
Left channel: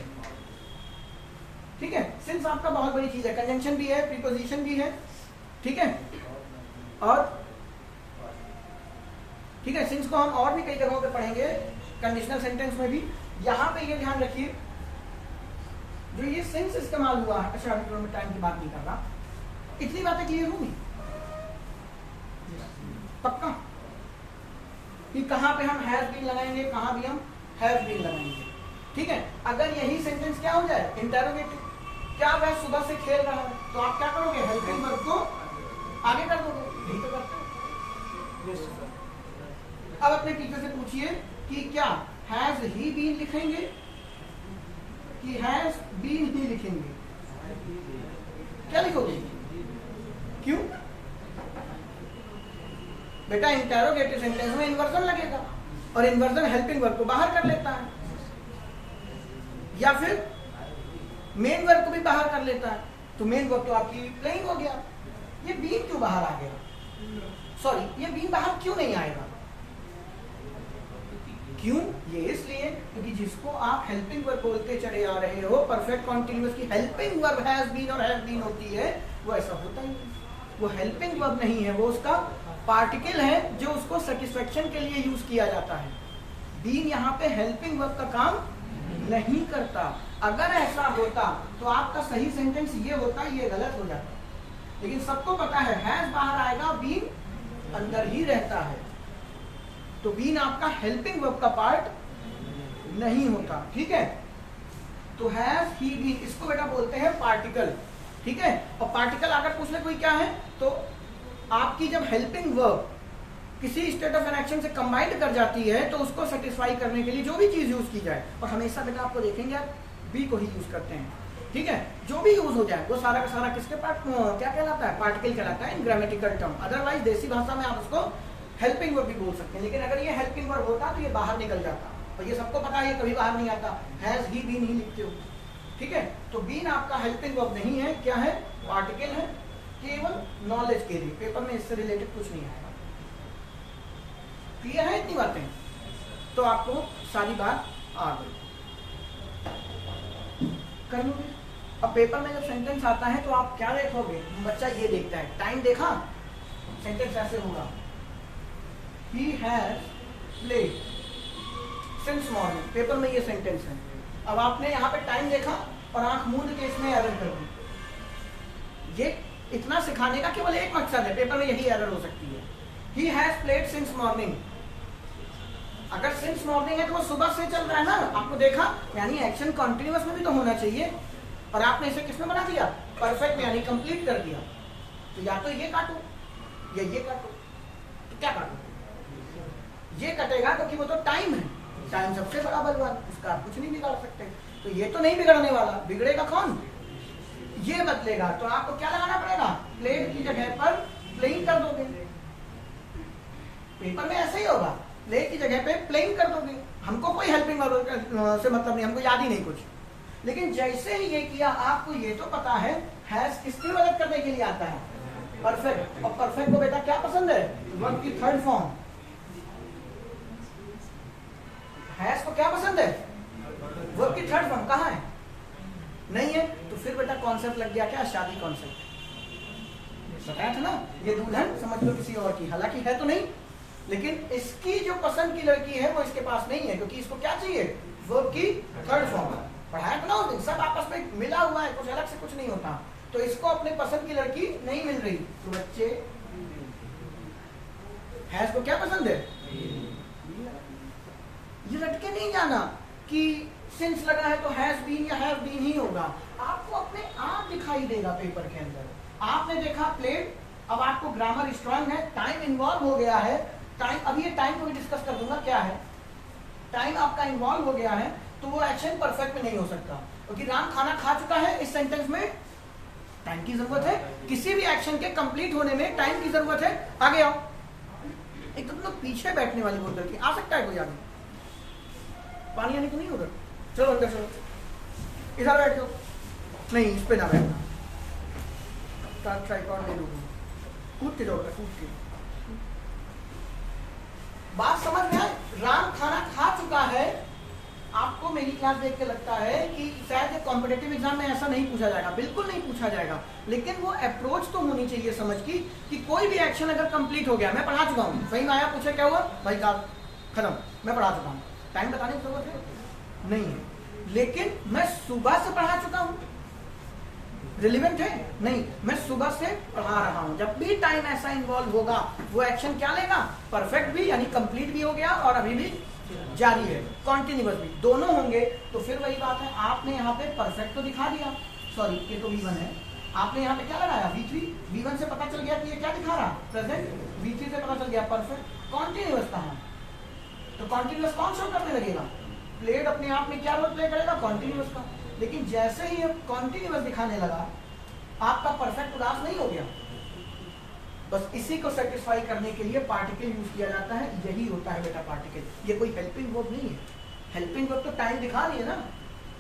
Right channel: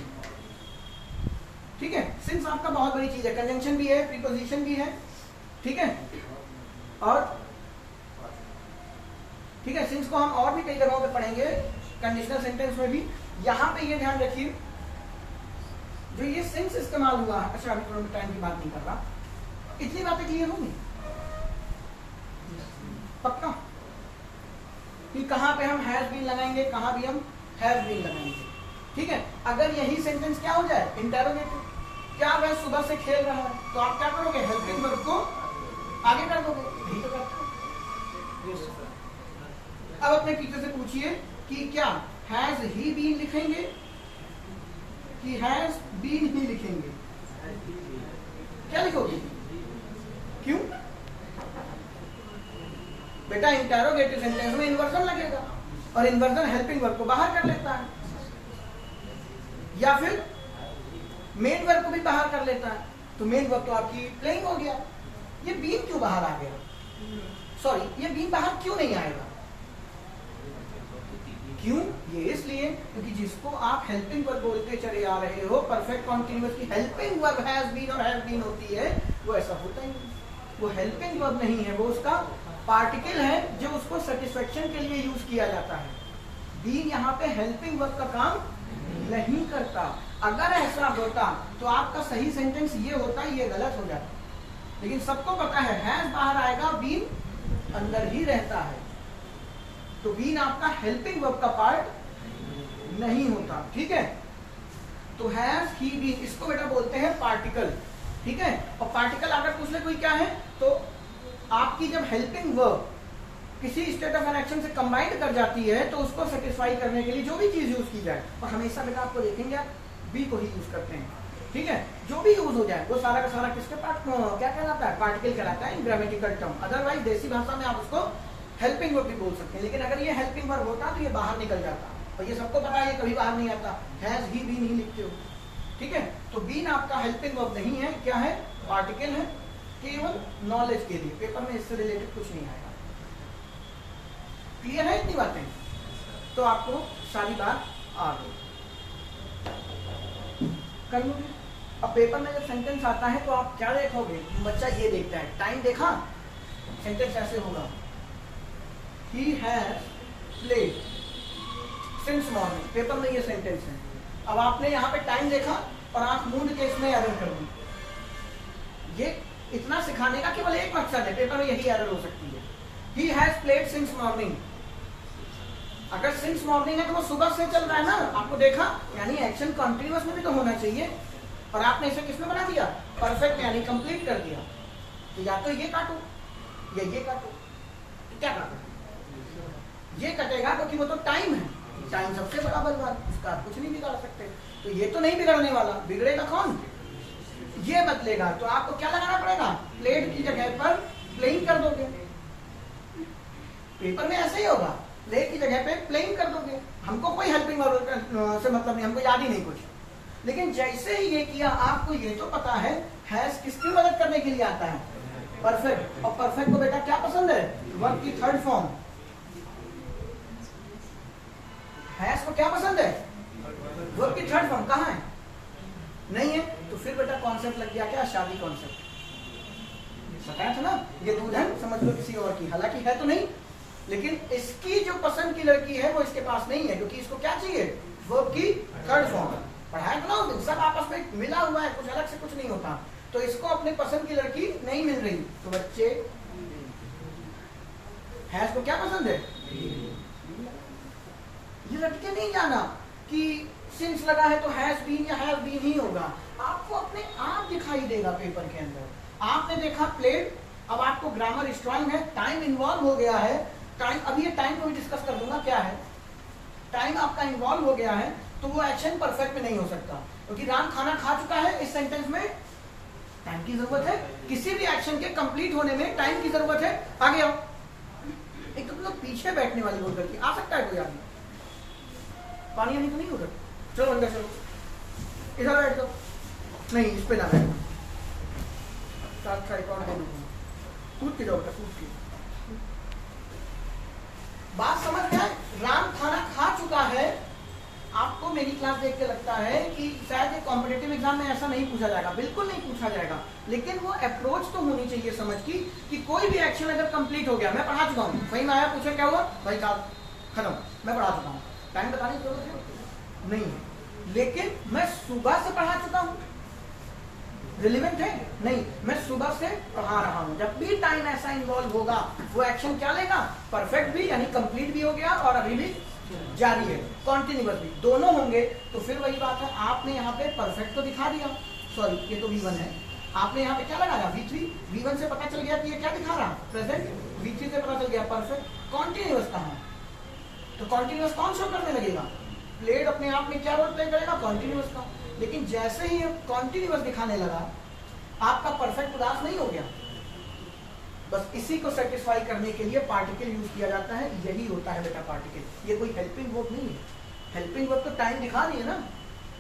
ठीक है, सिंस आपका बहुत बड़ी चीज है, कंजंक्शन भी है, प्रीपोजिशन भी है। ठीक है, और ठीक है, सिंस को हम और भी कई जगहों पे पढ़ेंगे, कंडीशनल सेंटेंस में भी। यहां पे ये ध्यान रखिए, जो ये सिंस इस्तेमाल हुआ है, अच्छा अभी मैं टाइम की बात नहीं कर रहा, इतनी बातें क्लियर होंगी पक्का, कि कहां पे हम हैज बीन लगाएंगे, कहां भी हम हैव बीन लगाएंगे। ठीक है, अगर यही सेंटेंस क्या हो जाए, इंटरोगेटिव, क्या वह सुबह से खेल रहा है, तो आप क्या करोगे, हेल्पिंग वर्ब को आगे कर दोगे, यही तो करते हैं। अब अपने टीचर से पूछिए कि क्या हैज ही बीन लिखेंगे कि हैज बीन ही लिखेंगे, क्या लिखोगे, क्यों बेटा, इंटरोगेटिव सेंटेंस में इन्वर्जन लगेगा, और इन्वर्जन हेल्पिंग वर्ब को बाहर कर लेता है, या फिर मेन वर्ब को भी बाहर कर लेता है। तो मेन वर्ब तो आपकी प्लेइंग हो गया, ये बीन क्यों बाहर आ गया, सॉरी ये बीन बाहर क्यों नहीं आएगा, क्यों, ये इसलिए क्योंकि जिसको आप हेल्पिंग वर्ब बोलते चले आ रहे हो, परफेक्ट कॉन्टिन्यूअस की हेल्पिंग वर्ब हैज बीन और हैव बीन होती है, वो ऐसा होता ही नहीं, वो हेल्पिंग वर्ब नहीं है, वो उसका पार्टिकल है जो उसको सेटिस्फेक्शन के लिए यूज किया जाता है। बीन यहाँ पे हेल्पिंग वर्ब का काम नहीं करता। अगर ऐसा होता तो आपका सही सेंटेंस ये होता, ये गलत हो जाता, लेकिन सबको पता है हैज बाहर आएगा, बीन अंदर ही रहता है, तो बीन आपका हेल्पिंग वर्ब का पार्ट नहीं होता। ठीक है, तो हैज ही बीन, इसको बेटा बोलते हैं पार्टिकल। ठीक है। और पार्टिकल अगर पूछ ले कोई क्या है, तो आपकी जब हेल्पिंग वर्ब किसी स्टेट ऑफ एन एक्शन से कंबाइंड कर जाती है तो उसको सेटिस्फाई करने के लिए जो भी चीज यूज की जाए, और हमेशा बेटा आपको देखेंगे आप बी को ही यूज करते हैं, ठीक है। जो भी यूज हो जाए वो सारा का सारा किसके पार्ट क्या कहलाता है, पार्टिकल कहलाता है इन ग्रामेटिकल टर्म। अदरवाइज देसी भाषा में आप उसको हेल्पिंग वर्ब भी बोल सकते हैं, लेकिन अगर ये हेल्पिंग वर्ब होता तो ये बाहर निकल जाता, और ये सबको पता है ये कभी बाहर नहीं आता, हैज ही बीन ही लिखते हो, ठीक है। तो बीन आपका हेल्पिंग वर्ब नहीं है, क्या है, पार्टिकल है, केवल नॉलेज के लिए, पेपर में इससे रिलेटेड कुछ नहीं आएगा। क्लियर है इतनी बातें, तो आपको सारी बात आ गई, कर लोगे। अब पेपर में जब सेंटेंस आता है तो आप क्या देखोगे, बच्चा ये देखता है, टाइम देखा, सेंटेंस ऐसे होगा, he has played since morning, paper में ये सेंटेंस है। अब आपने यहाँ पे टाइम देखा और आंख मूंद के इसमें एरर कर दी। ये इतना सिखाने का केवल एक मकसद है, पेपर में यही एरर हो सकती है। He has played since morning, अगर सिंस मॉर्निंग है तो वो सुबह से चल रहा है ना, आपको देखा, यानी एक्शन कॉन्टिन्यूअस में भी तो होना चाहिए, और आपने इसे किसमें बना दिया, परफेक्ट यानी कंप्लीट कर दिया। तो या तो ये काटो या ये काटो, तो क्या काटो, ये कटेगा क्योंकि वो तो टाइम है, टाइम सबसे बड़ा बलवान, इसका आप कुछ नहीं बिगाड़ सकते। तो ये तो नहीं बिगड़ने वाला, बिगड़ेगा कौन, ये बदलेगा। तो आपको क्या लगाना पड़ेगा, प्लेड की जगह पर प्लेइंग कर दोगे, पेपर में ऐसा ही होगा, प्लेड की जगह पे प्लेइंग कर दोगे। हमको कोई हेल्पिंग से मतलब नहीं, हमको याद ही नहीं कुछ, लेकिन जैसे ही ये किया आपको ये तो पता है हैज किसकी मदद करने के लिए आता है, परफेक्ट। और परफेक्ट को बेटा क्या पसंद है, वर्ब की थर्ड फॉर्म। हैज को क्या पसंद है, वर्ब की थर्ड फॉर्म, कहाँ है, नहीं है, तो फिर बेटा कॉन्सेप्ट लग गया क्या, शादी कॉन्सेप्ट। बताया था ना, ये दुल्हन समझ लो किसी और की, हालांकि है तो नहीं, लेकिन इसकी जो पसंद की लड़की है वो इसके पास नहीं है, क्योंकि इसको क्या चाहिए, वर्ब की थर्ड फॉर्म। पढ़ाया था ना उस दिन, सब आपस में मिला हुआ है, कुछ अलग से कुछ नहीं होता। तो इसको अपने पसंद की लड़की नहीं मिल रही, तो बच्चे हैज को क्या पसंद है, ये रटके नहीं जाना कि सिंस लगा है तो हैज बीन या हैव बीन ही होगा, आपको अपने आप दिखाई देगा पेपर के अंदर। आपने देखा प्लेड, अब आपको ग्रामर स्ट्रांग है, टाइम इन्वॉल्व हो गया है, टाइम, अभी ये टाइम को भी डिस्कस कर दूंगा क्या है, टाइम आपका इन्वॉल्व हो गया है, तो वो एक्शन परफेक्ट में नहीं हो सकता, क्योंकि राम खाना खा चुका है, इस सेंटेंस में टाइम की जरूरत है, किसी भी एक्शन के कंप्लीट होने में टाइम की जरूरत है। आगे आओ, एक तो पीछे बैठने वाली बोतल की आ सकता है कोई आदमी, पानी आने को नहीं होगा, चलो अंदर चलो, इधर बैठ जाओ, नहीं इस पे ना बैठो, कूद के जाओ, कूद के। बात समझ में आए, राम खाना खा चुका है, आपको मेरी क्लास देख के लगता है कि शायद एक कॉम्पिटेटिव एग्जाम में ऐसा नहीं पूछा जाएगा, बिल्कुल नहीं पूछा जाएगा, लेकिन वो अप्रोच तो होनी चाहिए समझ की कि कोई भी एक्शन अगर कंप्लीट हो गया, मैं पढ़ा चुका हूँ, सही में आया, पूछे क्या हुआ, भाई साहब खत्म, मैं पढ़ा चुका हूँ, टाइम बताने की जरूरत है नहीं है, लेकिन मैं सुबह से पढ़ा चुका हूँ, रिलेवेंट है नहीं, मैं सुबह से पढ़ा रहा हूँ। जब भी टाइम ऐसा इन्वॉल्व होगा वो एक्शन क्या लेगा, परफेक्ट भी यानी कंप्लीट भी हो गया और अभी भी जारी है, कॉन्टिन्यूअस भी, दोनों होंगे। तो फिर वही बात है, आपने यहाँ पे परफेक्ट तो दिखा दिया, सॉरी ये तो V1 है, आपने यहाँ पे क्या लगाया V3, V1 से पता चल गया कि ये क्या दिखा रहा, प्रेजेंट, V3 से पता चल गया परफेक्ट, कॉन्टिन्यूअस कहाँ है, तो कॉन्टिन्यूअस कौन शो करने लगेगा, प्लेड अपने आप में क्या रोल प्ले करेगा, कॉन्टिन्यूअस का। लेकिन जैसे ही कॉन्टिन्यूअस दिखाने लगा, आपका परफेक्ट उदास नहीं हो गया, बस इसी को सेटिस्फाई करने के लिए पार्टिकल यूज किया जाता है, यही होता है बेटा पार्टिकल, ये कोई हेल्पिंग वर्ब नहीं है। हेल्पिंग वर्ब तो टाइम दिखा रही है ना,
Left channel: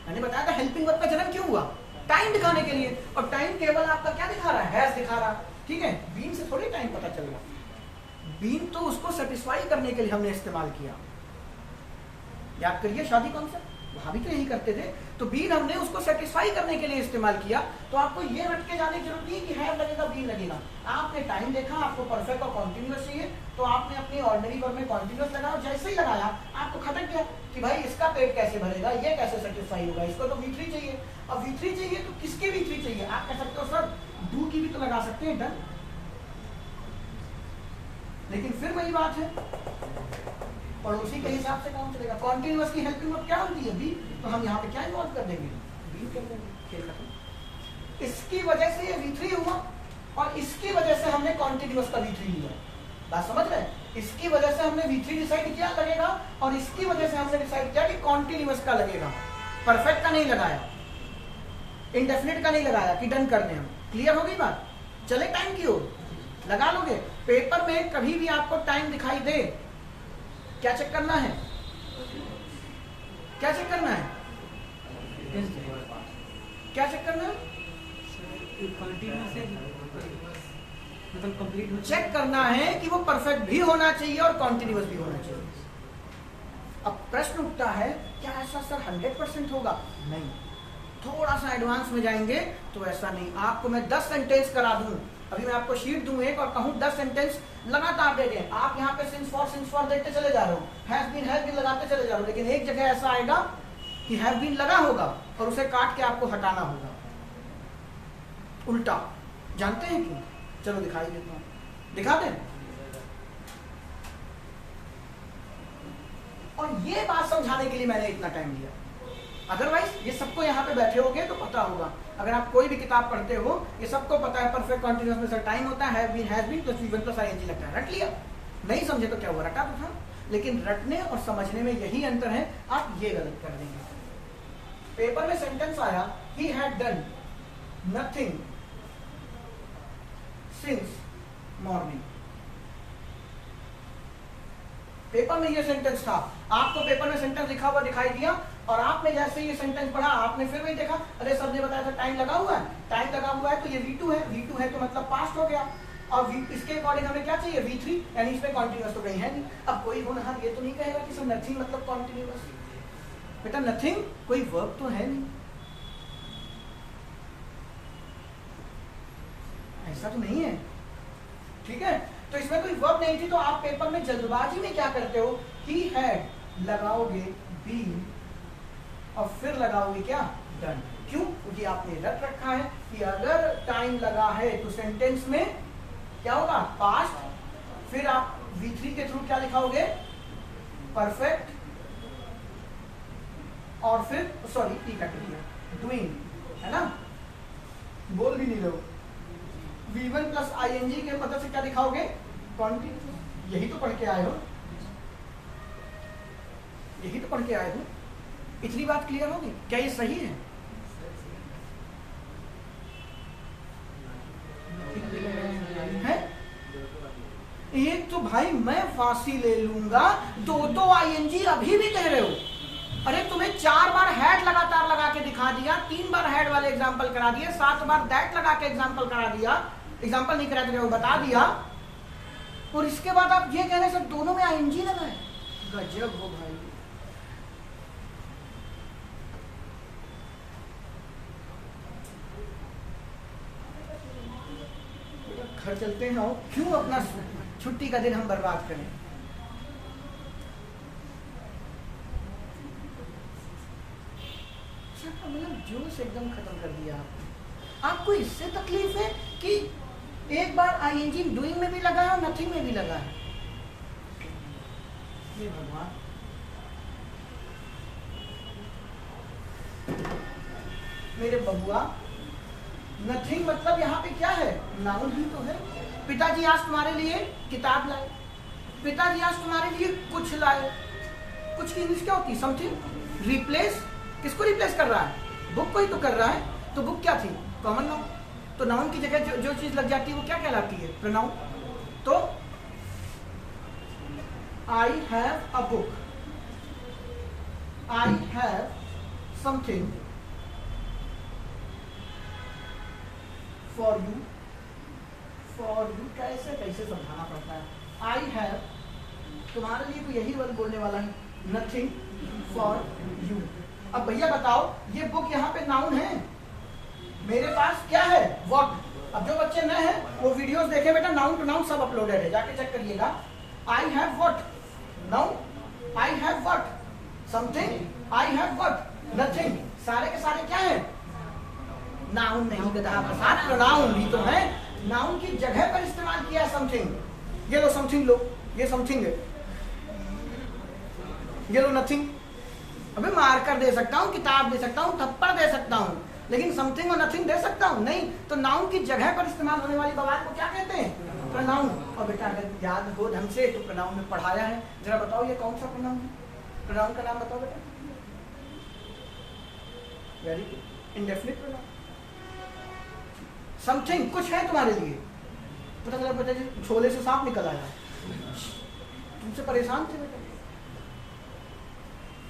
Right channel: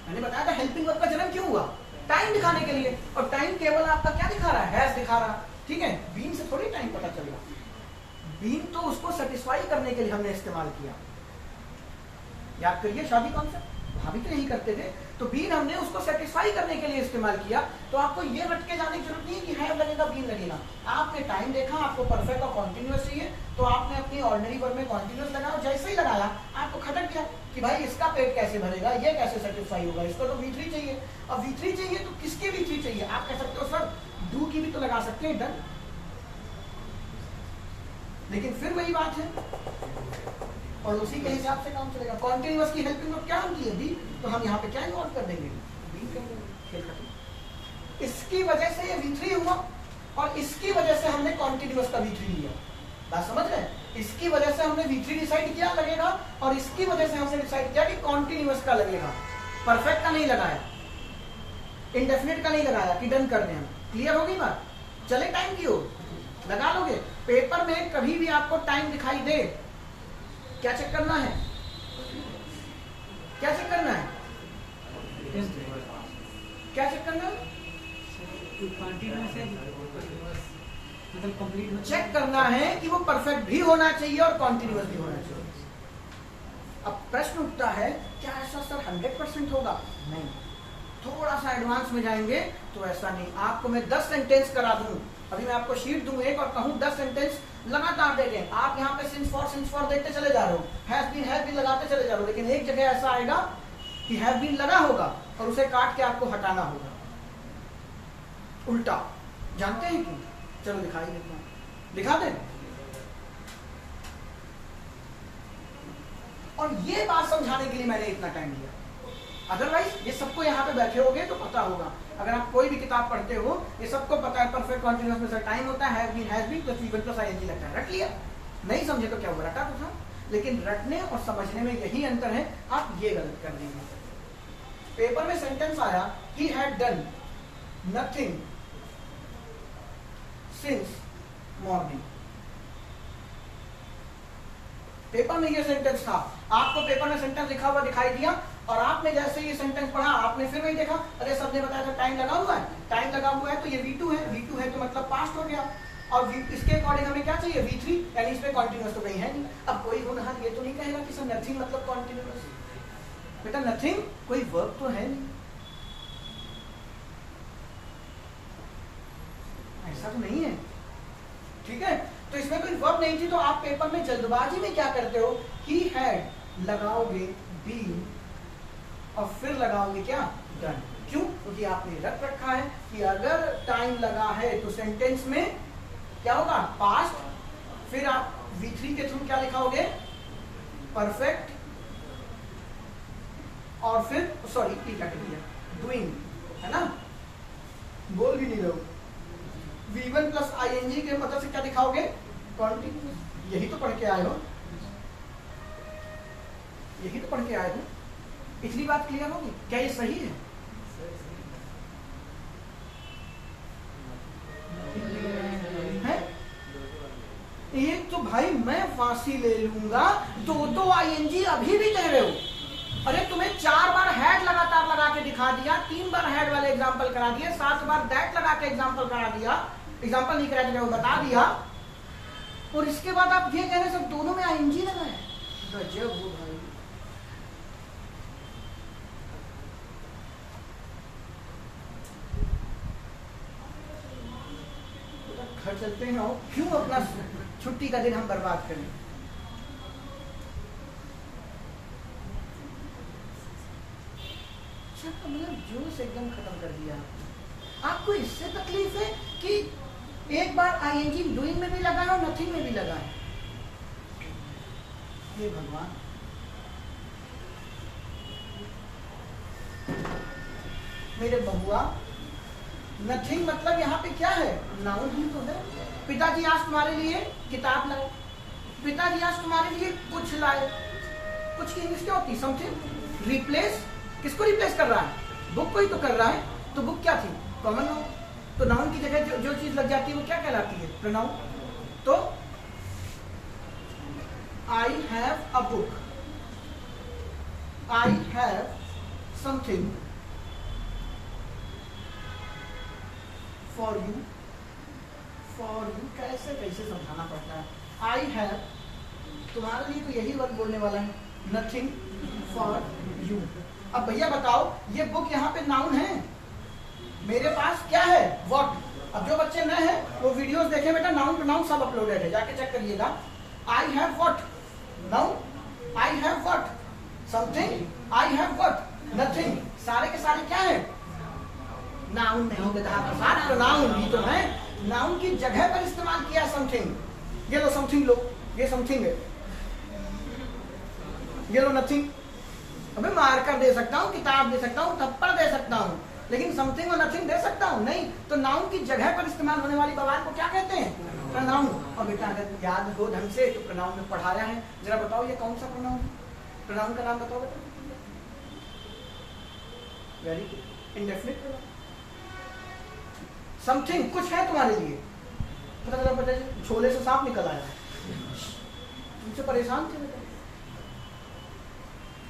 मैंने बताया था हेल्पिंग वर्ब का जन्म क्यों हुआ, टाइम दिखाने के लिए, और टाइम केवल आपका क्या दिखा रहा है, हैज दिखा रहा, ठीक है, बीन से थोड़ी टाइम पता चलेगा, बीन तो उसको सेटिस्फाई करने के लिए हमने इस्तेमाल किया। याद करिए शादी कॉन्सेप्ट, वहां भी तो यही करते थे, तो बीन हमने उसको सेटिस्फाई करने के लिए इस्तेमाल किया। तो आपको ये रट के जाने की जरूरत नहीं है कि हैव लगेगा बीन लगेगा, आपने टाइम देखा, आपको परफेक्ट और कॉन्टिन्यूअस चाहिए, तो आपने अपनी ऑर्डिनरी वर्ब में कॉन्टिन्यूअस लगाया, जैसे ही लगाया आपको खटक गया कि भाई इसका पेट कैसे भरेगा, ये कैसे सेटिस्फाई होगा, इसको तो V3 चाहिए, अब V3 चाहिए तो किसके V3 चाहिए, आप कह सकते हो सर डू की भी तो लगा सकते हैं, डन, लेकिन फिर वही बात है और उसी के हिसाब से काम चलेगा। कॉन्टिन्यूअस की हेल्पिंग वर्ब क्या होती है, बी, तो हम यहाँ पे क्या इन्वॉल्व कर देंगे, बी कर देंगे, खेल खत्म। इसकी वजह से ये V3 हुआ और इसकी वजह से हमने कॉन्टिन्यूअस का V3 लिया। बात समझ रहे हैं? इसकी वजह से हमने V3 डिसाइड किया लगेगा और इसकी वजह से हमने डिसाइड किया कि कॉन्टिन्यूअस का लगेगा। परफेक्ट का नहीं लगाया, इंडेफिनिट का नहीं लगाया कि डन कर दें हम। क्लियर हो गई बात? चले टाइम की ओर, लगा लोगे। पेपर में कभी भी आपको टाइम दिखाई दे, क्या चेक करना है? क्या चेक करना है? क्या चेक करना है? मतलब कंप्लीट चेक करना है कि वो परफेक्ट भी होना चाहिए और कॉन्टिन्यूअस भी होना चाहिए। अब प्रश्न उठता है, क्या ऐसा सर 100% होगा? नहीं, थोड़ा सा एडवांस में जाएंगे तो ऐसा नहीं। आपको मैं 10 सेंटेंस करा दूं, अभी मैं आपको शीट दूं एक और कहूं 10 सेंटेंस लगातार दे दें, आप यहाँ पे सिंस फॉर देखते चले जा रहे हो, हैज बीन लगाते चले जा रहे हो, लेकिन एक जगह ऐसा आएगा कि हैव बीन लगा होगा और उसे काट के आपको हटाना होगा। उल्टा जानते हैं क्यों? चलो दिखाई देता हूं, दिखा दें। और ये बात समझाने के लिए मैंने इतना टाइम लिया, अदरवाइज ये सबको यहाँ पे बैठे होगे तो पता होगा। अगर आप कोई भी किताब पढ़ते हो, ये सबको पता है परफेक्ट कॉन्टिन्यूअस में टाइम होता है, has been plus V one plus ING लगता है। रट लिया? नहीं समझे तो क्या हुआ, रटा तो था। लेकिन रटने और समझने में यही अंतर है, आप ये गलत कर देंगे। पेपर में सेंटेंस आया, he had done nothing since morning. Paper में ये सेंटेंस था, आपको पेपर में सेंटेंस लिखा हुआ दिखाई दिया और आपने जैसे ये सेंटेंस पढ़ा, आपने फिर नहीं देखा, अरे सबने बताया था टाइम लगा हुआ है, टाइम लगा हुआ है तो ये V2 है, V2 है तो मतलब पास्ट हो गया। और इसके अकॉर्डिंग हमें क्या चाहिए? V3, यानी इसमें कॉन्टिन्यूअस तो कहीं है नहीं। अब कोई होनहार ये तो नहीं कहेगा कि सर नथिंग मतलब कॉन्टिन्यूअस। बेटा नथिंग कोई वर्ब तो है नहीं, ऐसा तो नहीं है, ठीक है? तो इसमें कोई वर्ब नहीं थी, तो आप पेपर में जल्दबाजी में क्या करते हो? ही हैड लगाओगे बीन और फिर लगाओगे क्या? डन। क्यों? क्योंकि आपने रट रखा है कि अगर टाइम लगा है तो सेंटेंस में क्या होगा? पास्ट। फिर आप V3 के थ्रू क्या लिखाओगे? परफेक्ट। और फिर सॉरी टी काट दिया, डूइंग, है ना? बोल भी नहीं रहे हो। V1 प्लस आईएनजी के मदद से क्या दिखाओगे? कॉन्टिन्यूअस। यही तो पढ़ के आए हो, यही तो पढ़ के आए हो। इतनी बात क्लियर होगी? क्या ये सही है? एक तो भाई मैं फांसी ले लूंगा, दो आईएनजी अभी भी दे रहे हो। अरे तुम्हें 4 बार हैड लगातार लगा के दिखा दिया, 3 बार हैड वाले एग्जाम्पल करा दिए, 7 बार दैट लगा के एग्जाम्पल करा दिया, एग्जाम्पल नहीं करा तो बता दिया, और इसके बाद आप ये कह रहे हैं सब दोनों में आईएनजी लगा है। गजब हो भाई। घर चलते ना हो, क्यों अपना छुट्टी का दिन हम बर्बाद करें? मतलब जोश एकदम खत्म कर दिया। आपको इससे तकलीफ है कि एक बार आईएनजी डूइंग में भी लगा है और नथिंग में भी लगा है। ये भगवान, मेरे बहुआ, नथिंग मतलब यहाँ पे क्या है? नाउन ही तो है। पिताजी आज तुम्हारे लिए किताब लाए, पिताजी आज तुम्हारे लिए कुछ लाए। कुछ की इंग्लिश क्या होती? समथिंग। रिप्लेस, किसको रिप्लेस कर रहा है? बुक को ही तो कर रहा है। तो बुक क्या थी? Common noun. तो नाउन की जगह जो चीज लग जाती है वो क्या कहलाती है? प्रोनाउन। तो I have a book, I have something for you. For you कैसे कैसे समझाना पड़ता है? आई हैव, तुम्हारे लिए तो यही वर्ड बोलने वाला है, नथिंग फॉर यू। अब भैया बताओ, ये बुक यहाँ पे नाउन है, मेरे पास क्या है? व्हाट। अब जो बच्चे नए हैं वो वीडियोस देखे बेटा, नाउन टू नाउन सब अपलोडेड है, जाके चेक करिएगा। I have what? Noun. I have what? Something. I have what? Nothing. सारे के सारे क्या है? नाउन नहीं बेटा, प्रसाद प्रोनाउन भी तो है। नाउन की जगह पर इस्तेमाल किया समथिंग। ये लो समथिंग लो, ये समथिंग है, ये लो नथिंग। अबे मार कर दे सकता हूँ, किताब दे सकता हूँ, थप्पड़ दे सकता हूँ, लेकिन समथिंग और नथिंग दे सकता हूँ नहीं। तो नाउन की जगह पर इस्तेमाल होने वाली बवाल को क्या कहते हैं? प्रोनाउन। और बेटा अगर याद हो ढंग से तो प्रोनाउन में पढ़ाया है, जरा बताओ ये कौन सा प्रोनाउन है? प्रोनाउन का नाम बताओ बेटा। Very good, indefinite pronoun. Something कुछ है तुम्हारे लिए, पता चला बेटा जी झोले से सांप निकल आया, तुमसे परेशान थे बेटा।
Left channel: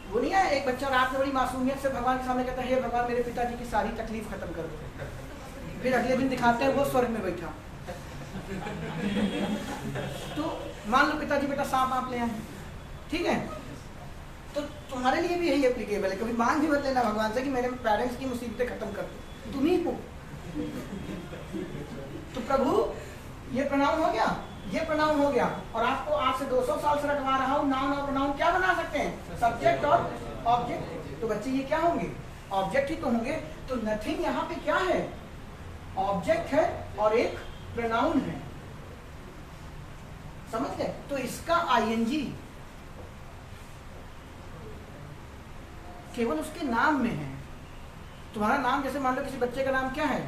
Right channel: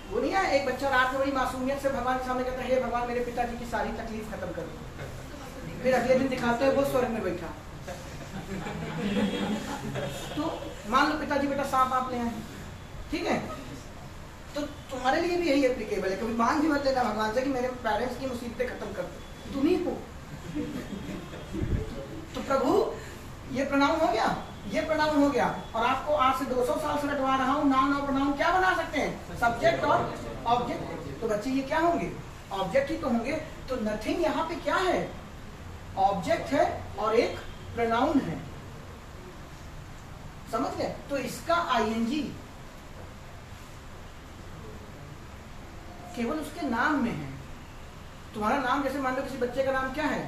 वो नहीं है एक बच्चा रात में बड़ी मासूमियत से भगवान के सामने कहता है, हे भगवान मेरे पिताजी की सारी तकलीफ खत्म कर दो। फिर अगले दिन दिखाते हैं वो स्वर्ग में बैठा। तो मान लो पिताजी बेटा सांप आप ले आए, ठीक है, तो तुम्हारे लिए भी यही एप्लीकेबल है। क्योंकि मांग ही मत लेना भगवान से कि मेरे पेरेंट्स की मुसीबतें खत्म कर दो, तुम ही हो। तो प्रभु ये प्रोनाउन हो गया, ये प्रोनाउन हो गया, और आपको आज से 200 साल से रटवा रहा हूं, नाउन और प्रोनाउन क्या बना सकते हैं? सब्जेक्ट और ऑब्जेक्ट। तो बच्चे ये क्या होंगे? ऑब्जेक्ट ही तो होंगे। तो नथिंग यहाँ पे क्या है? ऑब्जेक्ट है और एक प्रोनाउन है, समझ गए? तो इसका आईएनजी केवल उसके नाम में है। तुम्हारा नाम, जैसे मान लो किसी बच्चे का नाम क्या है?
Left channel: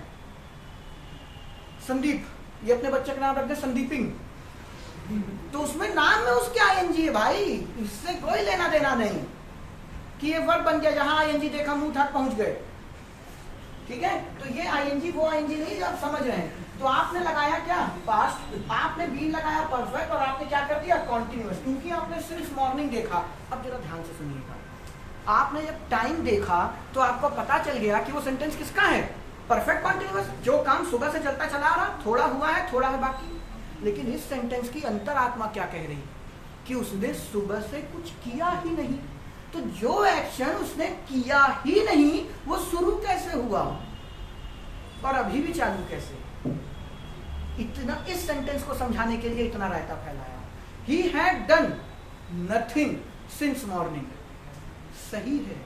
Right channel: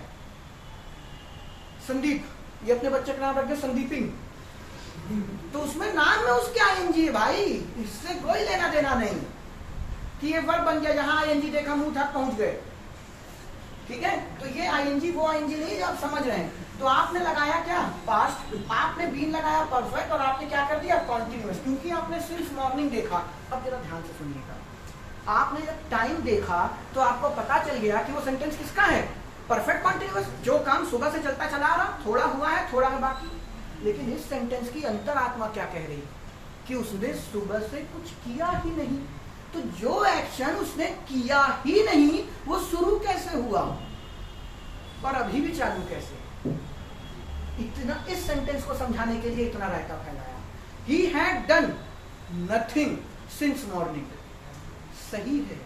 संदीप, ये अपने बच्चे का नाम रखते संदीपिंग, तो उसमें नाम में उसके आईएनजी है भाई, इससे कोई लेना देना नहीं कि ये वर्ड बन गया जहां आईएनजी देखा मुंह तक पहुंच गए, ठीक है? तो ये आईएनजी वो आईएनजी नहीं जो आप समझ रहे हैं। तो आपने लगाया क्या? पास्ट, आपने बीन लगाया परफेक्ट, और आपने क्या कर दिया? कॉन्टिन्यूअस, क्योंकि आपने सिर्फ मॉर्निंग देखा। अब जरा ध्यान से सुनिएगा, आपने जब टाइम देखा तो आपको पता चल गया कि वो सेंटेंस किसका है? परफेक्ट कॉन्टिन्यूअस, जो काम सुबह से चलता चला आ रहा, थोड़ा हुआ है, थोड़ा है बाकी। लेकिन इस सेंटेंस की अंतरात्मा क्या कह रही? कि उसने सुबह से कुछ किया ही नहीं। तो जो एक्शन उसने किया ही नहीं वो शुरू कैसे हुआ और अभी भी चालू कैसे? इतना इस सेंटेंस को समझाने के लिए इतना रायता फैलाया। He had done nothing since morning। सही है,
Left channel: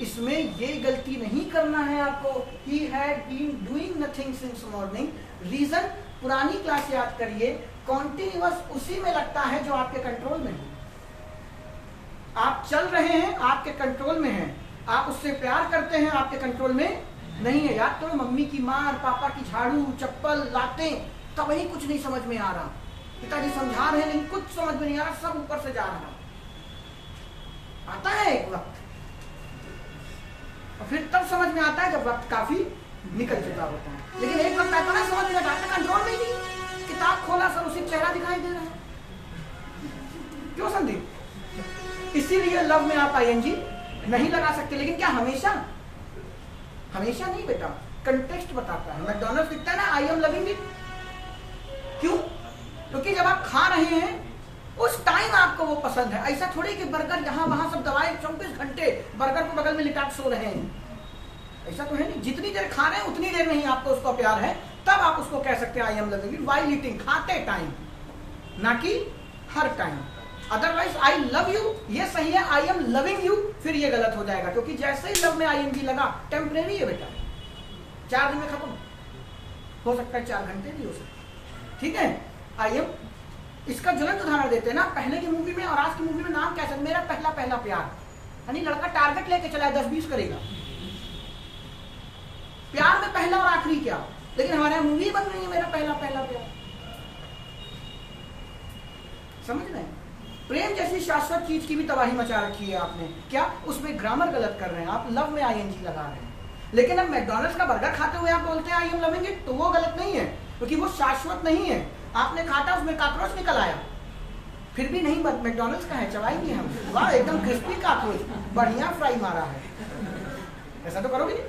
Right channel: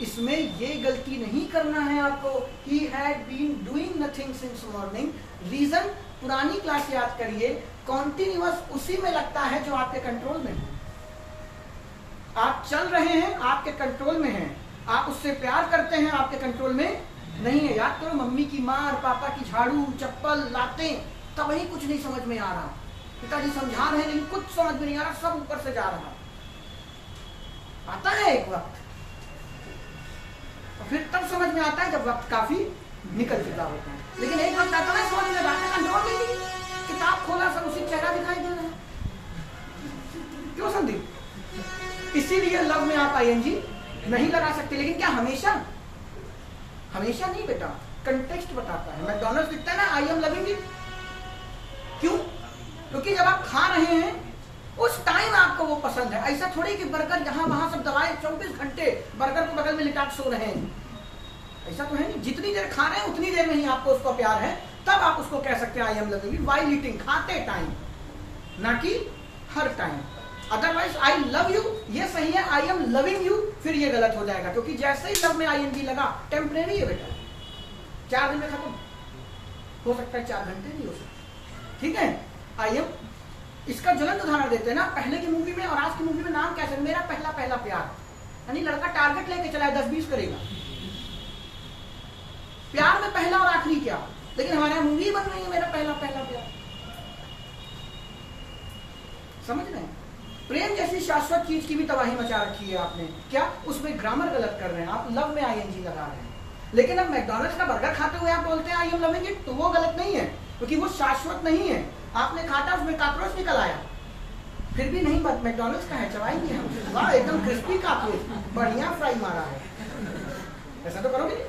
इसमें ये गलती नहीं करना है आपको। He had been doing nothing since morning। Reason पुरानी क्लास याद करिए, कॉन्टिन्यूअस उसी में लगता है जो आपके कंट्रोल में है। आप चल रहे हैं, आपके कंट्रोल में है। आप उससे प्यार करते हैं, आपके कंट्रोल में नहीं है। याद करो, मम्मी की मार, पापा की झाड़ू, चप्पल, लातें, तब वही कुछ नहीं समझ में आ रहा। पिताजी समझा रहे नहीं, कुछ समझ में नहीं आ रहा, सब ऊपर से जा रहा। आता है एक वक्त, और फिर तब समझ में आता है जब वक्त काफी निकल चुका होता है। लेकिन एक वक्त आता है समझ में जाता, कंट्रोल में नहीं, किताब खोला सब उसी चेहरा दिखाई दे रहा है। क्यों संदीप? इसीलिए लव में आप आईएनजी नहीं लगा सकते। लेकिन क्या हमेशा? हमेशा नहीं बेटा, कंटेक्स्ट बताता है। मैकडॉनल्ड्स लिखता है ना, आई एम लविंग इट। क्यों? क्योंकि जब आप खा रहे हैं उस टाइम आपको वो पसंद है। ऐसा थोड़ी कि बर्गर जहां वहां सब दवाई 24 घंटे बर्गर को बगल में लिटा के सो रहे हैं, ऐसा तो है नहीं। जितनी देर खा रहे हैं उतनी देर में ही आपको उसको प्यार है, तब आप उसको कह सकते हैं I am loving it while eating, खाते टाइम, ना कि हर time. Otherwise I love you ये सही है, आई एम लविंग यू फिर ये गलत हो जाएगा। क्योंकि जैसे ही लव में आईएनजी लगा, टेम्परेरी है बेटा, 4 दिन में खत्म हो सकता है, 4 घंटे नहीं हो सकता, ठीक है? आई एम, इसका ज्वलंत उदाहरण देते हैं ना, पहले की मूवी में और आज की मूवी में नाम कैसे? मेरा पहला पहला प्यार। यानी लड़का टारगेट लेके चला है, 10-20 करेगा। प्यार में पहला और आखिरी क्या? लेकिन हमारे यहाँ मूवी बन रही है मेरा पहला पहला प्यार। समझ रहे हैं? प्रेम जैसी शाश्वत चीज की भी तबाही मचा रखी है आपने। क्या? उसमें ग्रामर गलत कर रहे हैं आप, लव में आईएनजी लगा रहे हैं। लेकिन अब मैकडॉनल्ड्स का बर्गर खाते हुए आप बोलते हैं आई एम लविंग इट, तो वो गलत नहीं है, क्योंकि वो शाश्वत नहीं है। आपने खाता, उसमें कॉकरोच निकल आया, फिर भी नहीं, मैकडॉनल्ड्स का है, चबाई नहीं हम, वाह एकदम क्रिस्पी कॉकरोच, बढ़िया फ्राई मारा है। ऐसा तो करोगे नहीं,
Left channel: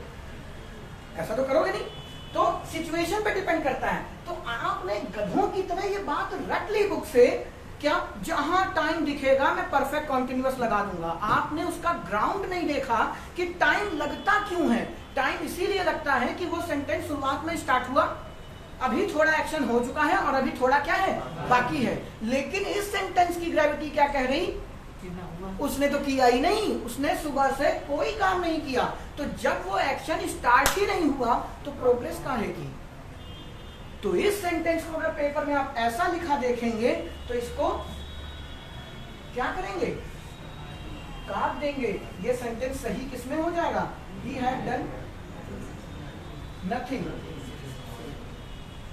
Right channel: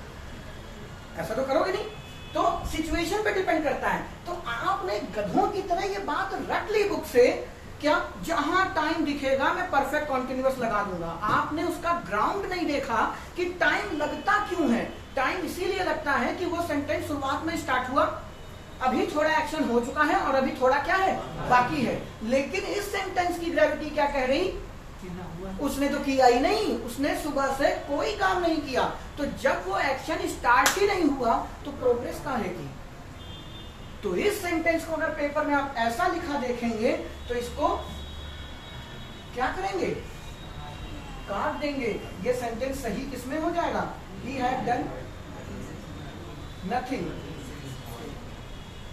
ऐसा तो करोगे नहीं। तो सिचुएशन पे डिपेंड करता है। तो आपने गधों की तरह ये बात रट ली बुक से, क्या जहां टाइम दिखेगा मैं परफेक्ट कॉन्टिन्यूअस लगा दूंगा। आपने उसका ग्राउंड नहीं देखा कि टाइम लगता क्यों है। टाइम इसीलिए लगता है कि वो सेंटेंस शुरुआत में स्टार्ट हुआ, अभी थोड़ा एक्शन हो चुका है और अभी थोड़ा क्या है बाकी है। लेकिन इस सेंटेंस की ग्रेविटी क्या कह रही? उसने तो किया ही नहीं, उसने सुबह से कोई काम नहीं किया। तो जब वो एक्शन स्टार्ट ही नहीं हुआ तो प्रोग्रेस काहे की? तो इस सेंटेंस को अगर पेपर में आप ऐसा लिखा देखेंगे तो इसको क्या करेंगे? काट देंगे। ये सेंटेंस सही किसमें हो जाएगा? He had done nothing.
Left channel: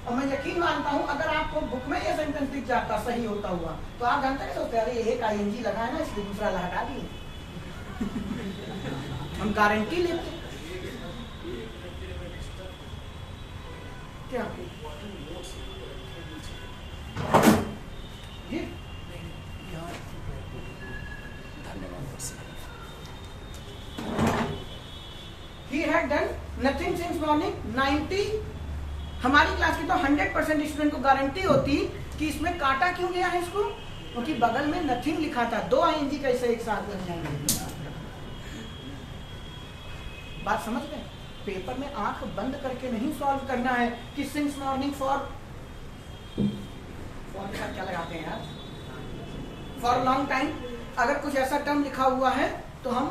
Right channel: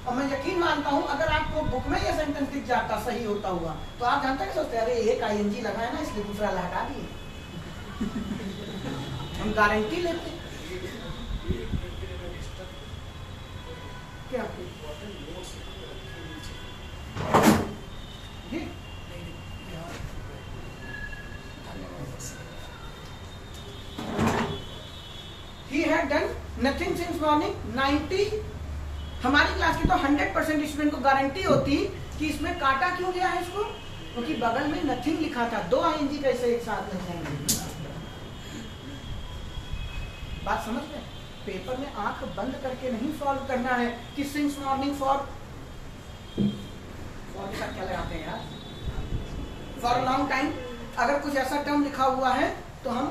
और मैं यकीन मानता हूं अगर आपको बुक में ये सेंटेंस दिख जाता सही होता हुआ तो आप जानते हैं सोचते अरे एक आईएनजी लगा है ना इसलिए दूसरा हटा दिए। हम गारंटी लेते क्या ये He had done nothing since morning। 90 हमारी क्लास की तो 100% स्टूडेंट को गारंटी होती कि इसमें काटा क्यों गया है इसको, क्योंकि बगल में नथिंग लिखा था। दो आईएनजी कैसे एक साथ लग जाएंगे? बात समझ गए? पेपर में आंख बंद करके नहीं सॉल्व करना है कि सिंस मॉर्निंग फॉर के साथ क्या लगाते हैं यार, फॉर लॉन्ग टाइम। अगर कुछ ऐसा टर्म लिखा हुआ है तो हम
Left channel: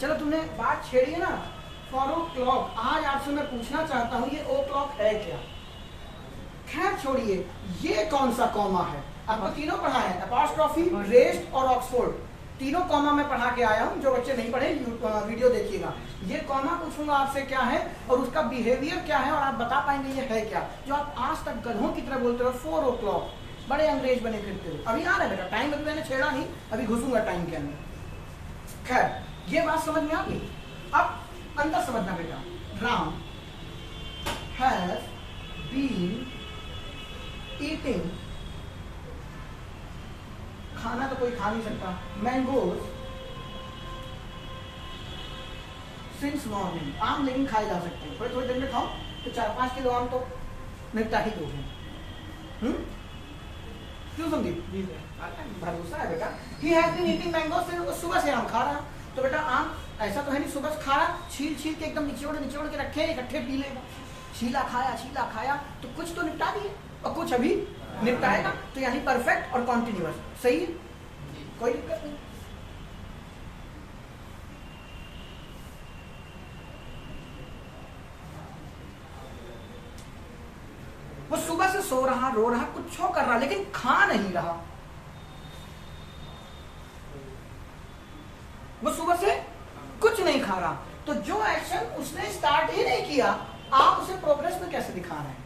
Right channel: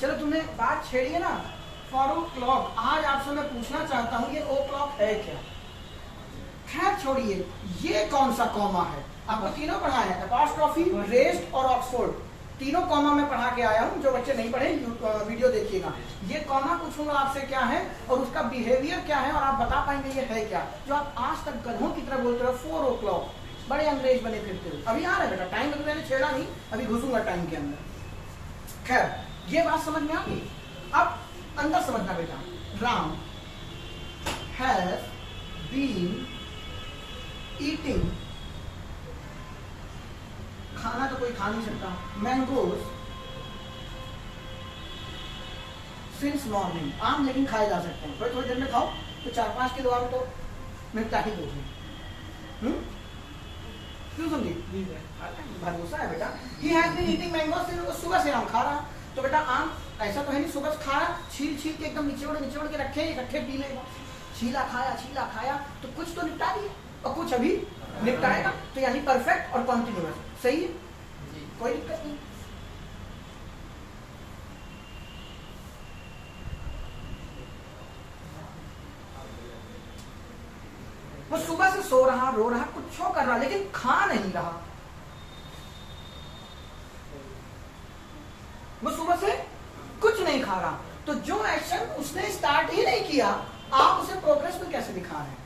चलो तुमने बात छेड़ी है ना फॉर ओ क्लॉक। आज आपसे मैं पूछना चाहता हूं ये ओ क्लॉक है क्या? खैर छोड़िए, ये कौन सा कॉमा है? आपको तीनों पढ़ा है, अपॉस्ट्रोफी, रेस्ट और ऑक्सफोर्ड। तीनों कॉमा में पढ़ा के आया हूं। जो बच्चे नहीं पढ़े वीडियो देखिएगा। ये कॉमा पूछूंगा आपसे क्या है और उसका बिहेवियर क्या है और आप बता पाएंगे ये है क्या। जो आप आज तक गधों की तरह बोलते हो 4 o'clock, बड़े अंग्रेज बने फिरते हो। अभी आ रहा है बेटा टाइम, अभी मैंने छेड़ा नहीं, अभी घुसूंगा टाइम के अंदर। खैर ये बात समझ में आ गई। अब अंदर समझना बेटा। राम हैव बीन ईटिंग, खाना तो कोई खा नहीं सकता, मैंगोज सिंस मॉर्निंग। आम लेकिन खाए जा सकते हैं, थोड़ी देर में खाओ तो 4-5 किलो आम तो निपटा ही दोगे। क्यों दूंगी? भरोसा है बेटा। He has been eating mangoes, सुबह से आम खा रहा। तो बेटा आम ऐसा तो है नहीं सुबह खा रहा, छील के एकदम निचोड़ के रखे इकट्ठे पी लेगा। छीला खाया तो कुछ तो निपटा दिए और कुछ अभी निपटाएगा। तो यानी परफेक्ट और कॉन्टिन्यूअस। सही है, कोई दिक्कत नहीं। वो सुबह से सो रहा, रो रहा, कुछ कर रहा, लेकिन खा नहीं रहा। वो सुबह से कुछ नहीं खा रहा। तो जो एक्शन उसने स्टार्ट ही नहीं किया, आप उसे प्रोग्रेस में कैसे दिखा रहे हैं?